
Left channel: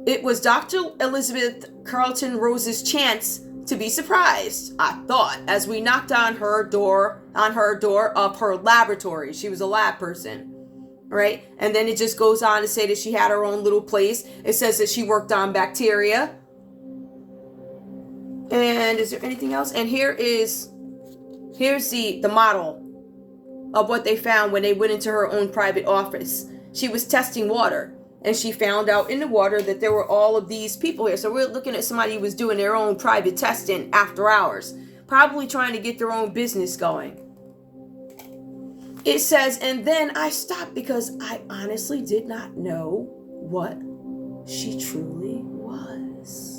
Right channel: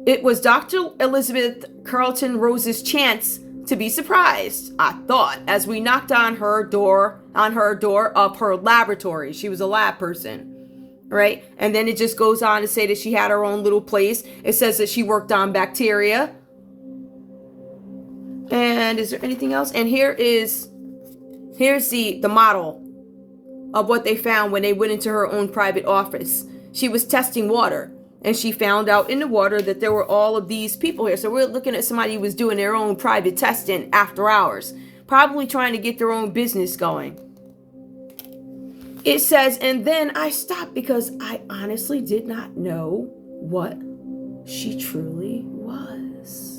It was Dr. Elizabeth Carlton Rose's chance to be surprised, I thought, as we knocked on her door of her laboratory. She was a lab person, right? And then it just goes on to say that she had her own little place. It says that she worked on bacteria. And is there anything else? And here's the model of what they found when they went into her own private office. She was testing water. And she found out in the water that there were all of these people here. So we're looking at somebody who was doing their own private testing after hours. Probably trying to get their own business going. It says, and then I stopped because I honestly did not know what she truly was.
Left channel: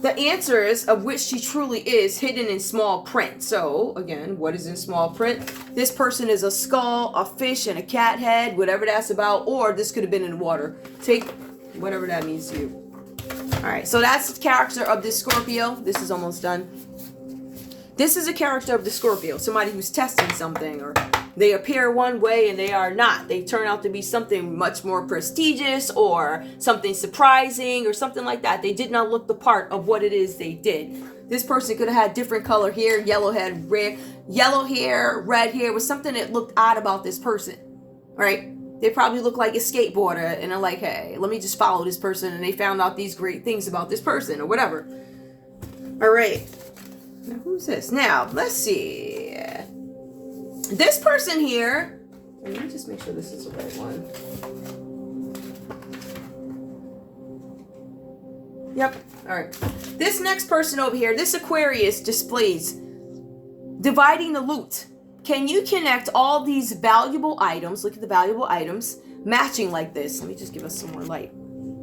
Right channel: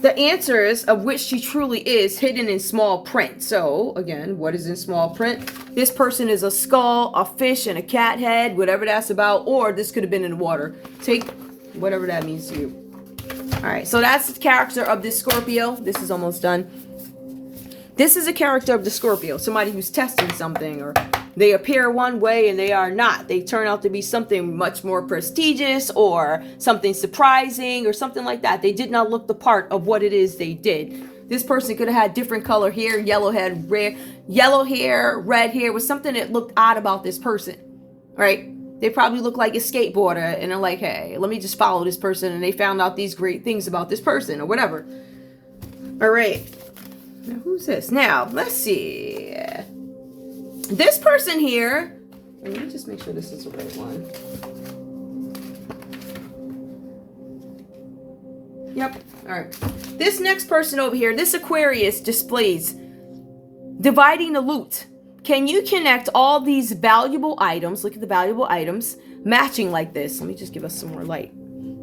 The answers of which she truly is hidden in small print. So, again, what is in small print? This person is a skull, a fish, and a cat head, whatever that's about, or this could have been in the water. Take whatever that means to you. All right, so that's the character of this Scorpio. This is almost done. This is a character of the Scorpio, somebody who's testing something, or they appear one way and they are not. They turn out to be something much more prestigious or something surprising or something like that. They did not look the part of what it is they did. This person could have had different color hair, yellow hair, red hair, was something that looked odd about this person, right? They probably look like a skateboarder and are like, hey, let me just follow this person, and they found out these great things about this person or whatever. All right. Now, who's this? Now, let's see. This person here. Let me just make sure this is the right one. Yep. All right. This next person over here, this Aquarius displays dividing the loot. Can you connect all these valuable items? Look at the valuable items matching like this. Let me just give us some more light.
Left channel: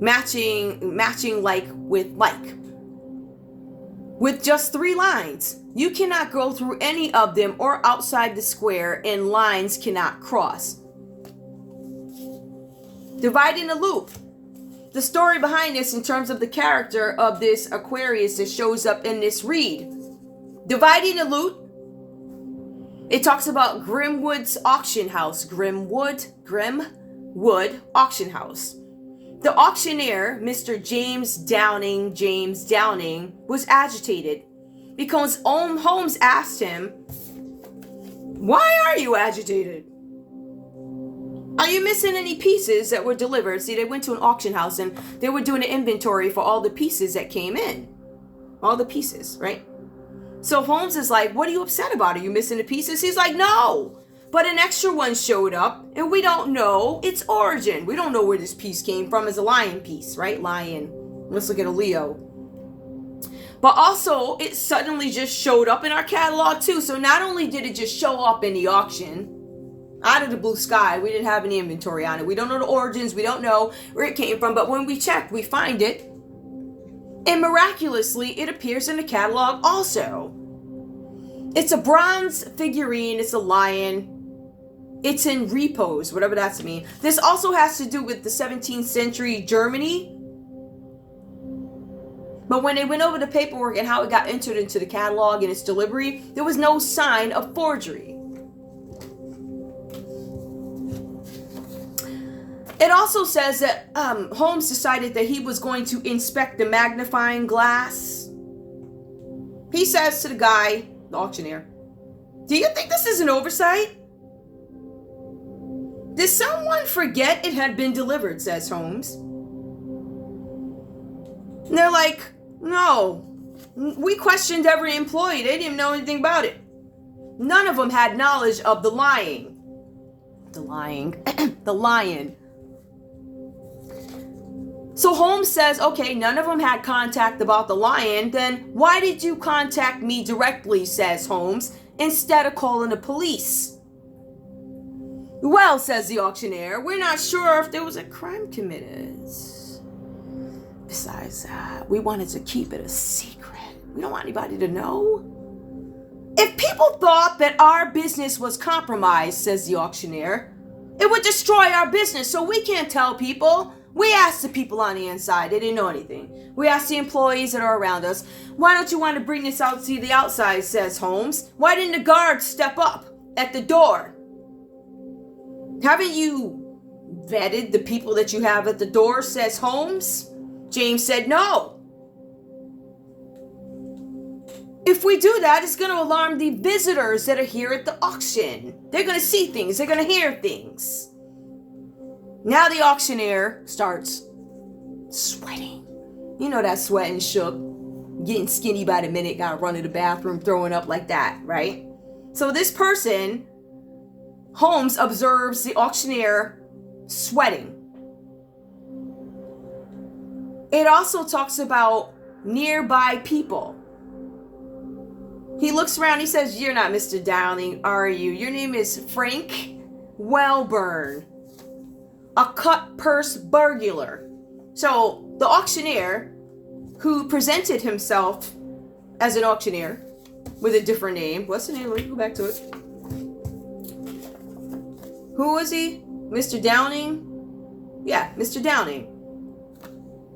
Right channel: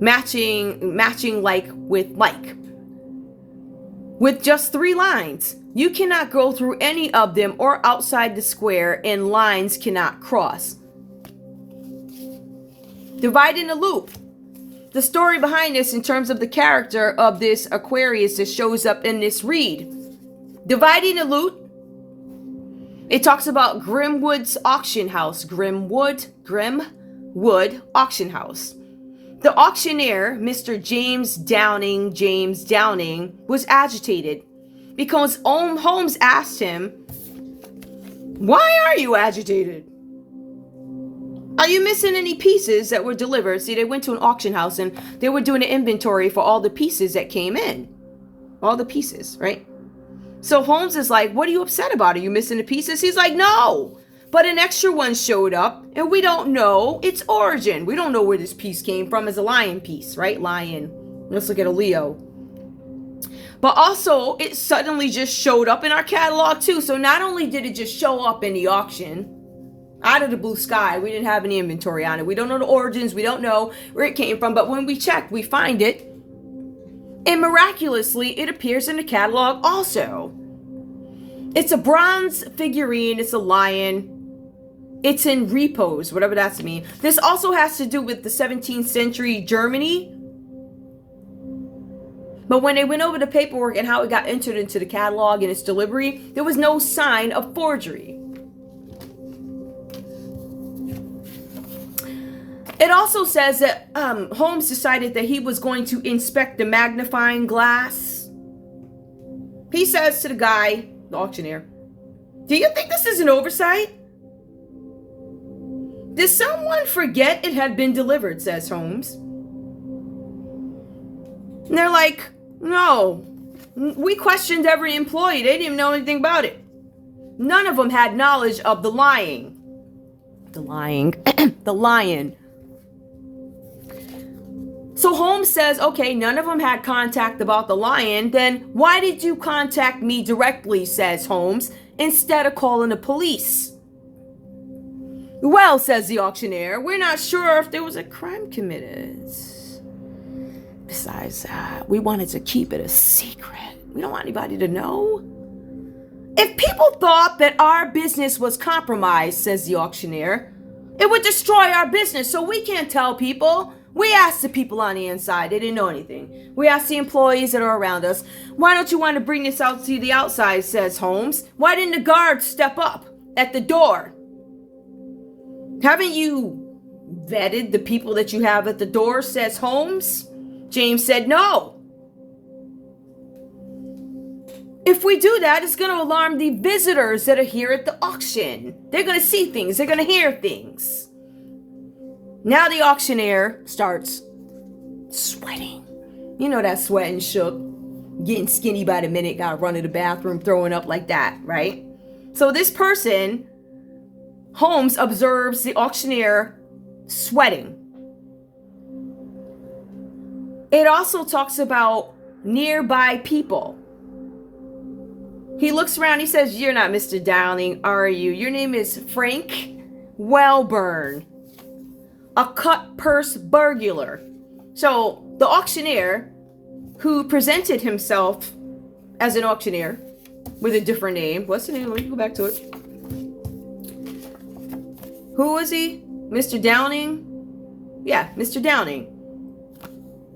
Matching like with like. With just 3 lines. You cannot go through any of them or outside the square, and lines cannot cross. Dividing the loop. The story behind this in terms of the character of this Aquarius that shows up in this read. Dividing the loot. It talks about Grimwood's auction house. Grimwood auction house. The auctioneer, Mr. James Downing, was agitated because Holmes asked him, "Why are you agitated? Are you missing any pieces that were delivered?" See, they went to an auction house and they were doing an inventory for all the pieces that came in. All the pieces, right? So Holmes is like, "What are you upset about? Are you missing the pieces?" He's like, "No. But an extra one showed up, and we don't know its origin. We don't know where this piece came from. It's a lion piece, right? Lion. Let's look at a Leo. But also, it suddenly just showed up in our catalog, too. So not only did it just show up in the auction, out of the blue sky, we didn't have any inventory on it. We don't know the origins. We don't know where it came from. But when we checked, we find it. And miraculously, it appears in the catalog also. It's a bronze figurine. It's a lion. It's in repose, whatever that's mean. This also has to do with the 17th century Germany. But when they went over the paperwork and how it got entered into the catalog and its delivery, there was no sign of forgery. It also says that Holmes decided that he was going to inspect the magnifying glass. He says to the guy, the auctioneer, "Do you think this is an oversight? Did someone forget it had been delivered?" says Holmes. And they're like, "No. We questioned every employee. They didn't even know anything about it. None of them had knowledge of the lying." The lion. So Holmes says, "Okay, none of them had contact about the lion. Then why did you contact me directly?" says Holmes, "instead of calling the police?" "Well," says the auctioneer, "we're not sure if there was a crime committed. Besides that, we wanted to keep it a secret. We don't want anybody to know. If people thought that our business was compromised," says the auctioneer, "it would destroy our business, so we can't tell people. We asked the people on the inside. They didn't know anything. We asked the employees that are around us. Why don't you want to bring this out to the outside?" says Holmes. "Why didn't the guards step up at the door? Haven't you vetted the people that you have at the door?" says Holmes. James said, "No. If we do that, it's going to alarm the visitors that are here at the auction. They're going to see things. They're going to hear things." Now the auctioneer starts sweating. You know that sweat and shook. Getting skinny by the minute, got to run to the bathroom, throwing up like that, right? So this person, Holmes, observes the auctioneer sweating. It also talks about nearby people. He looks around, he says, "You're not Mr. Downing, are you? Your name is Frank Welburn, a cut purse burglar." So the auctioneer, who presented himself as an auctioneer with a different name. What's the name? Let me go back to it. Who was he? Mr. Downing? Yeah, Mr. Downing.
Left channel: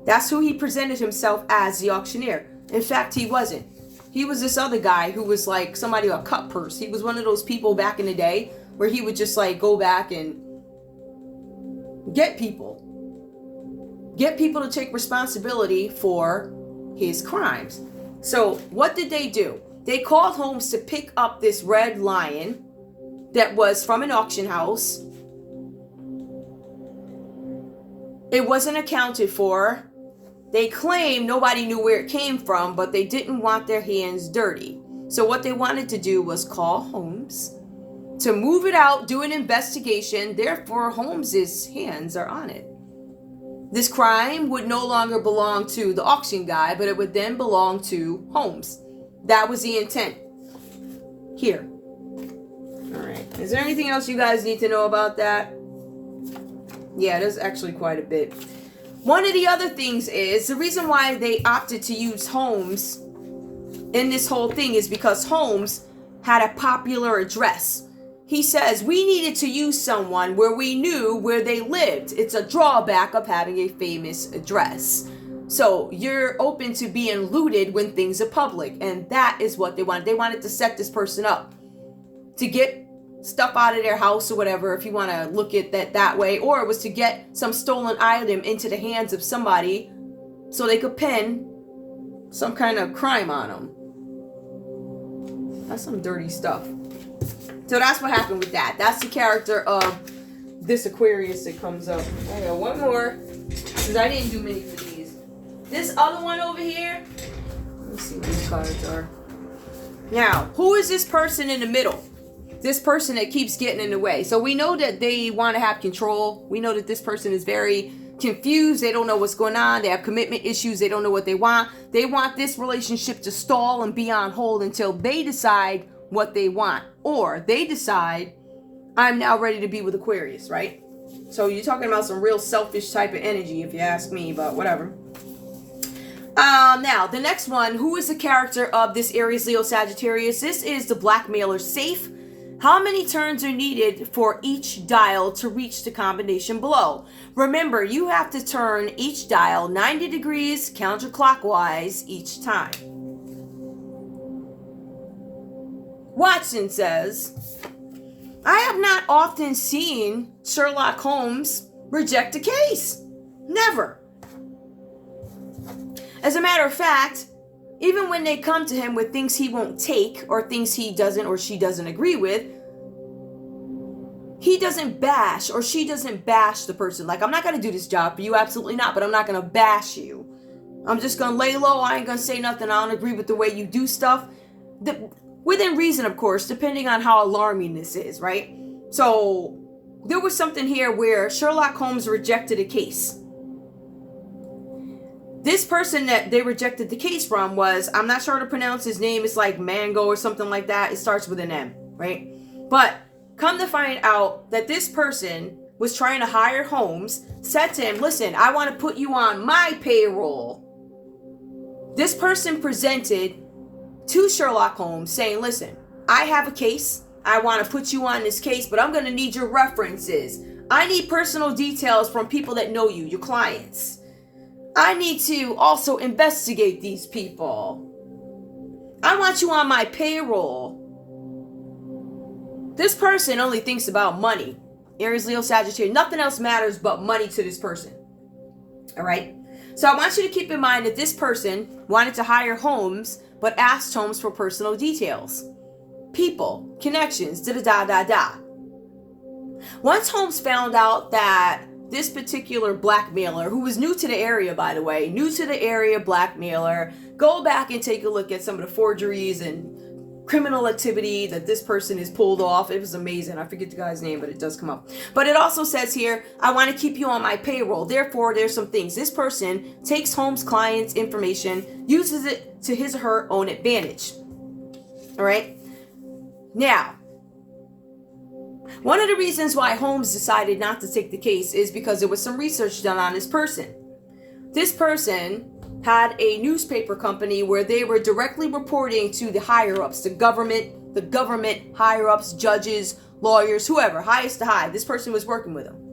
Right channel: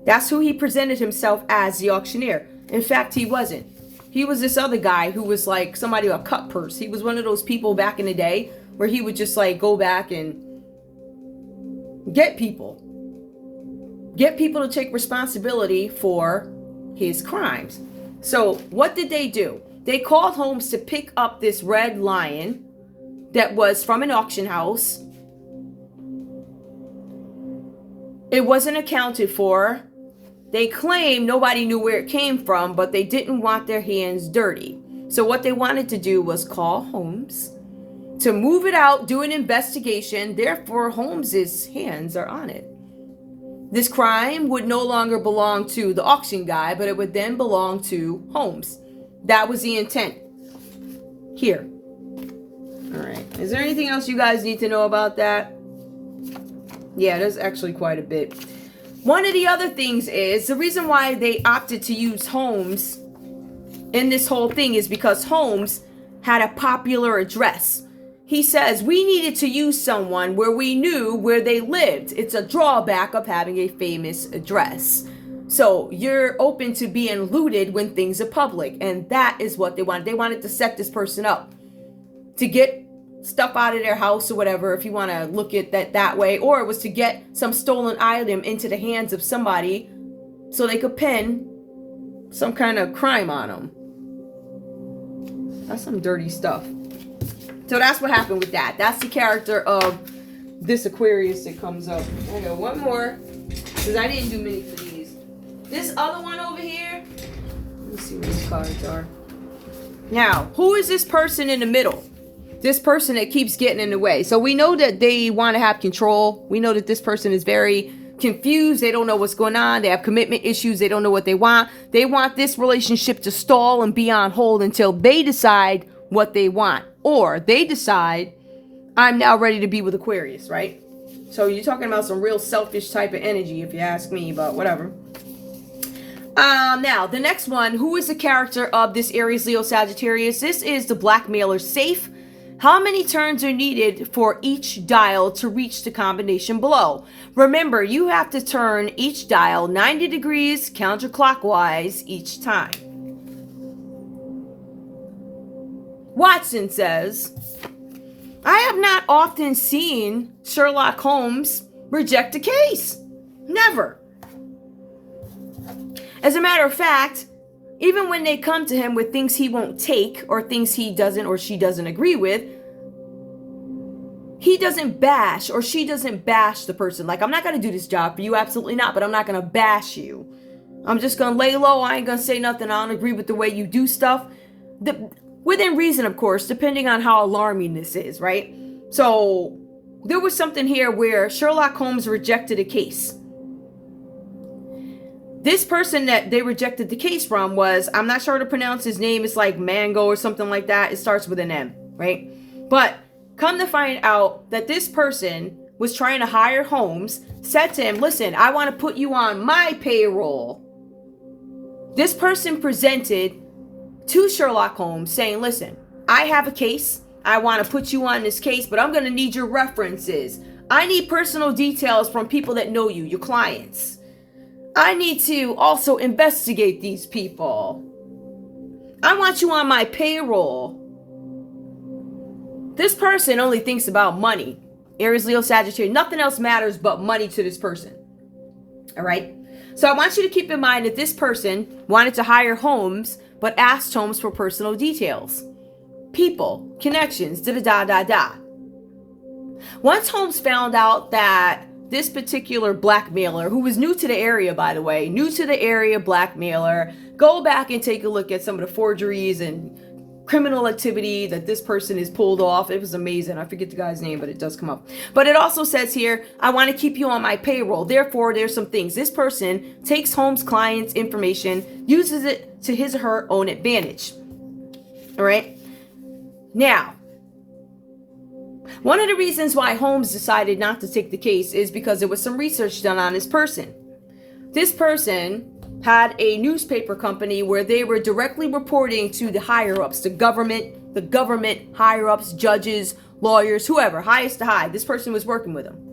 That's who he presented himself as, the auctioneer. In fact, he wasn't. He was this other guy who was like somebody, a cut purse. He was one of those people back in the day where he would just like go back and get people to take responsibility for his crimes. So what did they do? They called Holmes to pick up this red lion that was from an auction house. It wasn't accounted for. They claimed nobody knew where it came from, but they didn't want their hands dirty. So what they wanted to do was call Holmes to move it out, do an investigation. Therefore, Holmes's hands are on it. This crime would no longer belong to the auction guy, but it would then belong to Holmes. That was the intent here. All right. Is there anything else you guys need to know about that? Yeah, there's actually quite a bit. One of the other things is the reason why they opted to use Holmes in this whole thing is because Holmes had a popular address. He says we needed to use someone where we knew where they lived. It's a drawback of having a famous address. So you're open to being looted when things are public. And that is what they wanted. They wanted to set this person up to get stuff out of their house or whatever, if you want to look at that way. Or it was to get some stolen item into the hands of somebody so they could pin some kind of crime on them. That's some dirty stuff. So that's what happened with that. That's the character of this Aquarius that comes up. I got one more, because I didn't do many for these. This other one over here, let me see what these cards are. Now, who is this person in the middle? This person that keeps getting in the way. So we know that they want to have control. We know that this person is very confused. They don't know what's going on. They have commitment issues. They don't know what they want. They want this relationship to stall and be on hold until they decide what they want. Or they decide, I'm now ready to be with Aquarius, right? So you're talking about some real selfish type of energy, if you ask me, but whatever. Now, the next one, who is the character of this Aries, Leo, Sagittarius? This is the blackmailer safe. How many turns are needed for each dial to reach the combination below? Remember, you have to turn each dial 90 degrees counterclockwise each time. Watson says, I have not often seen Sherlock Holmes reject a case. Never. As a matter of fact, even when they come to him with things he won't take or things he doesn't or she doesn't agree with, he doesn't bash or she doesn't bash the person. Like, I'm not going to do this job for you. Absolutely not. But I'm not going to bash you. I'm just going to lay low. I ain't going to say nothing. I don't agree with the way you do stuff. Within reason, of course, depending on how alarming this is, right? So there was something here where Sherlock Holmes rejected a case. This person that they rejected the case from was, I'm not sure how to pronounce his name. It's like Mango or something like that. It starts with an M, right? But come to find out that this person was trying to hire Holmes, said to him, listen, I want to put you on my payroll. This person presented to Sherlock Holmes saying, listen, I have a case. I want to put you on this case, but I'm going to need your references. I need personal details from people that know you, your clients. I need to also investigate these people. I want you on my payroll. This person only thinks about money. Aries, Leo, Sagittarius. Nothing else matters but money to this person. All right? So I want you to keep in mind that this person wanted to hire Holmes, but asked Holmes for personal details. People, connections, da-da-da-da-da. Once Holmes found out that this particular blackmailer, who was new to the area, by the way, new to the area blackmailer, go back and take a look at some of the forgeries and criminal activity that this person has pulled off. It was amazing. I forget the guy's name, but it does come up. But it also says here, I want to keep you on my payroll. Therefore, there's some things. This person takes Holmes' client's information, uses it to his or her own advantage. All right? Now, one of the reasons why Holmes decided not to take the case is because there was some research done on this person. This person had a newspaper company where they were directly reporting to the higher-ups, the government higher-ups, judges, lawyers, whoever, highest to high. This person was working with them.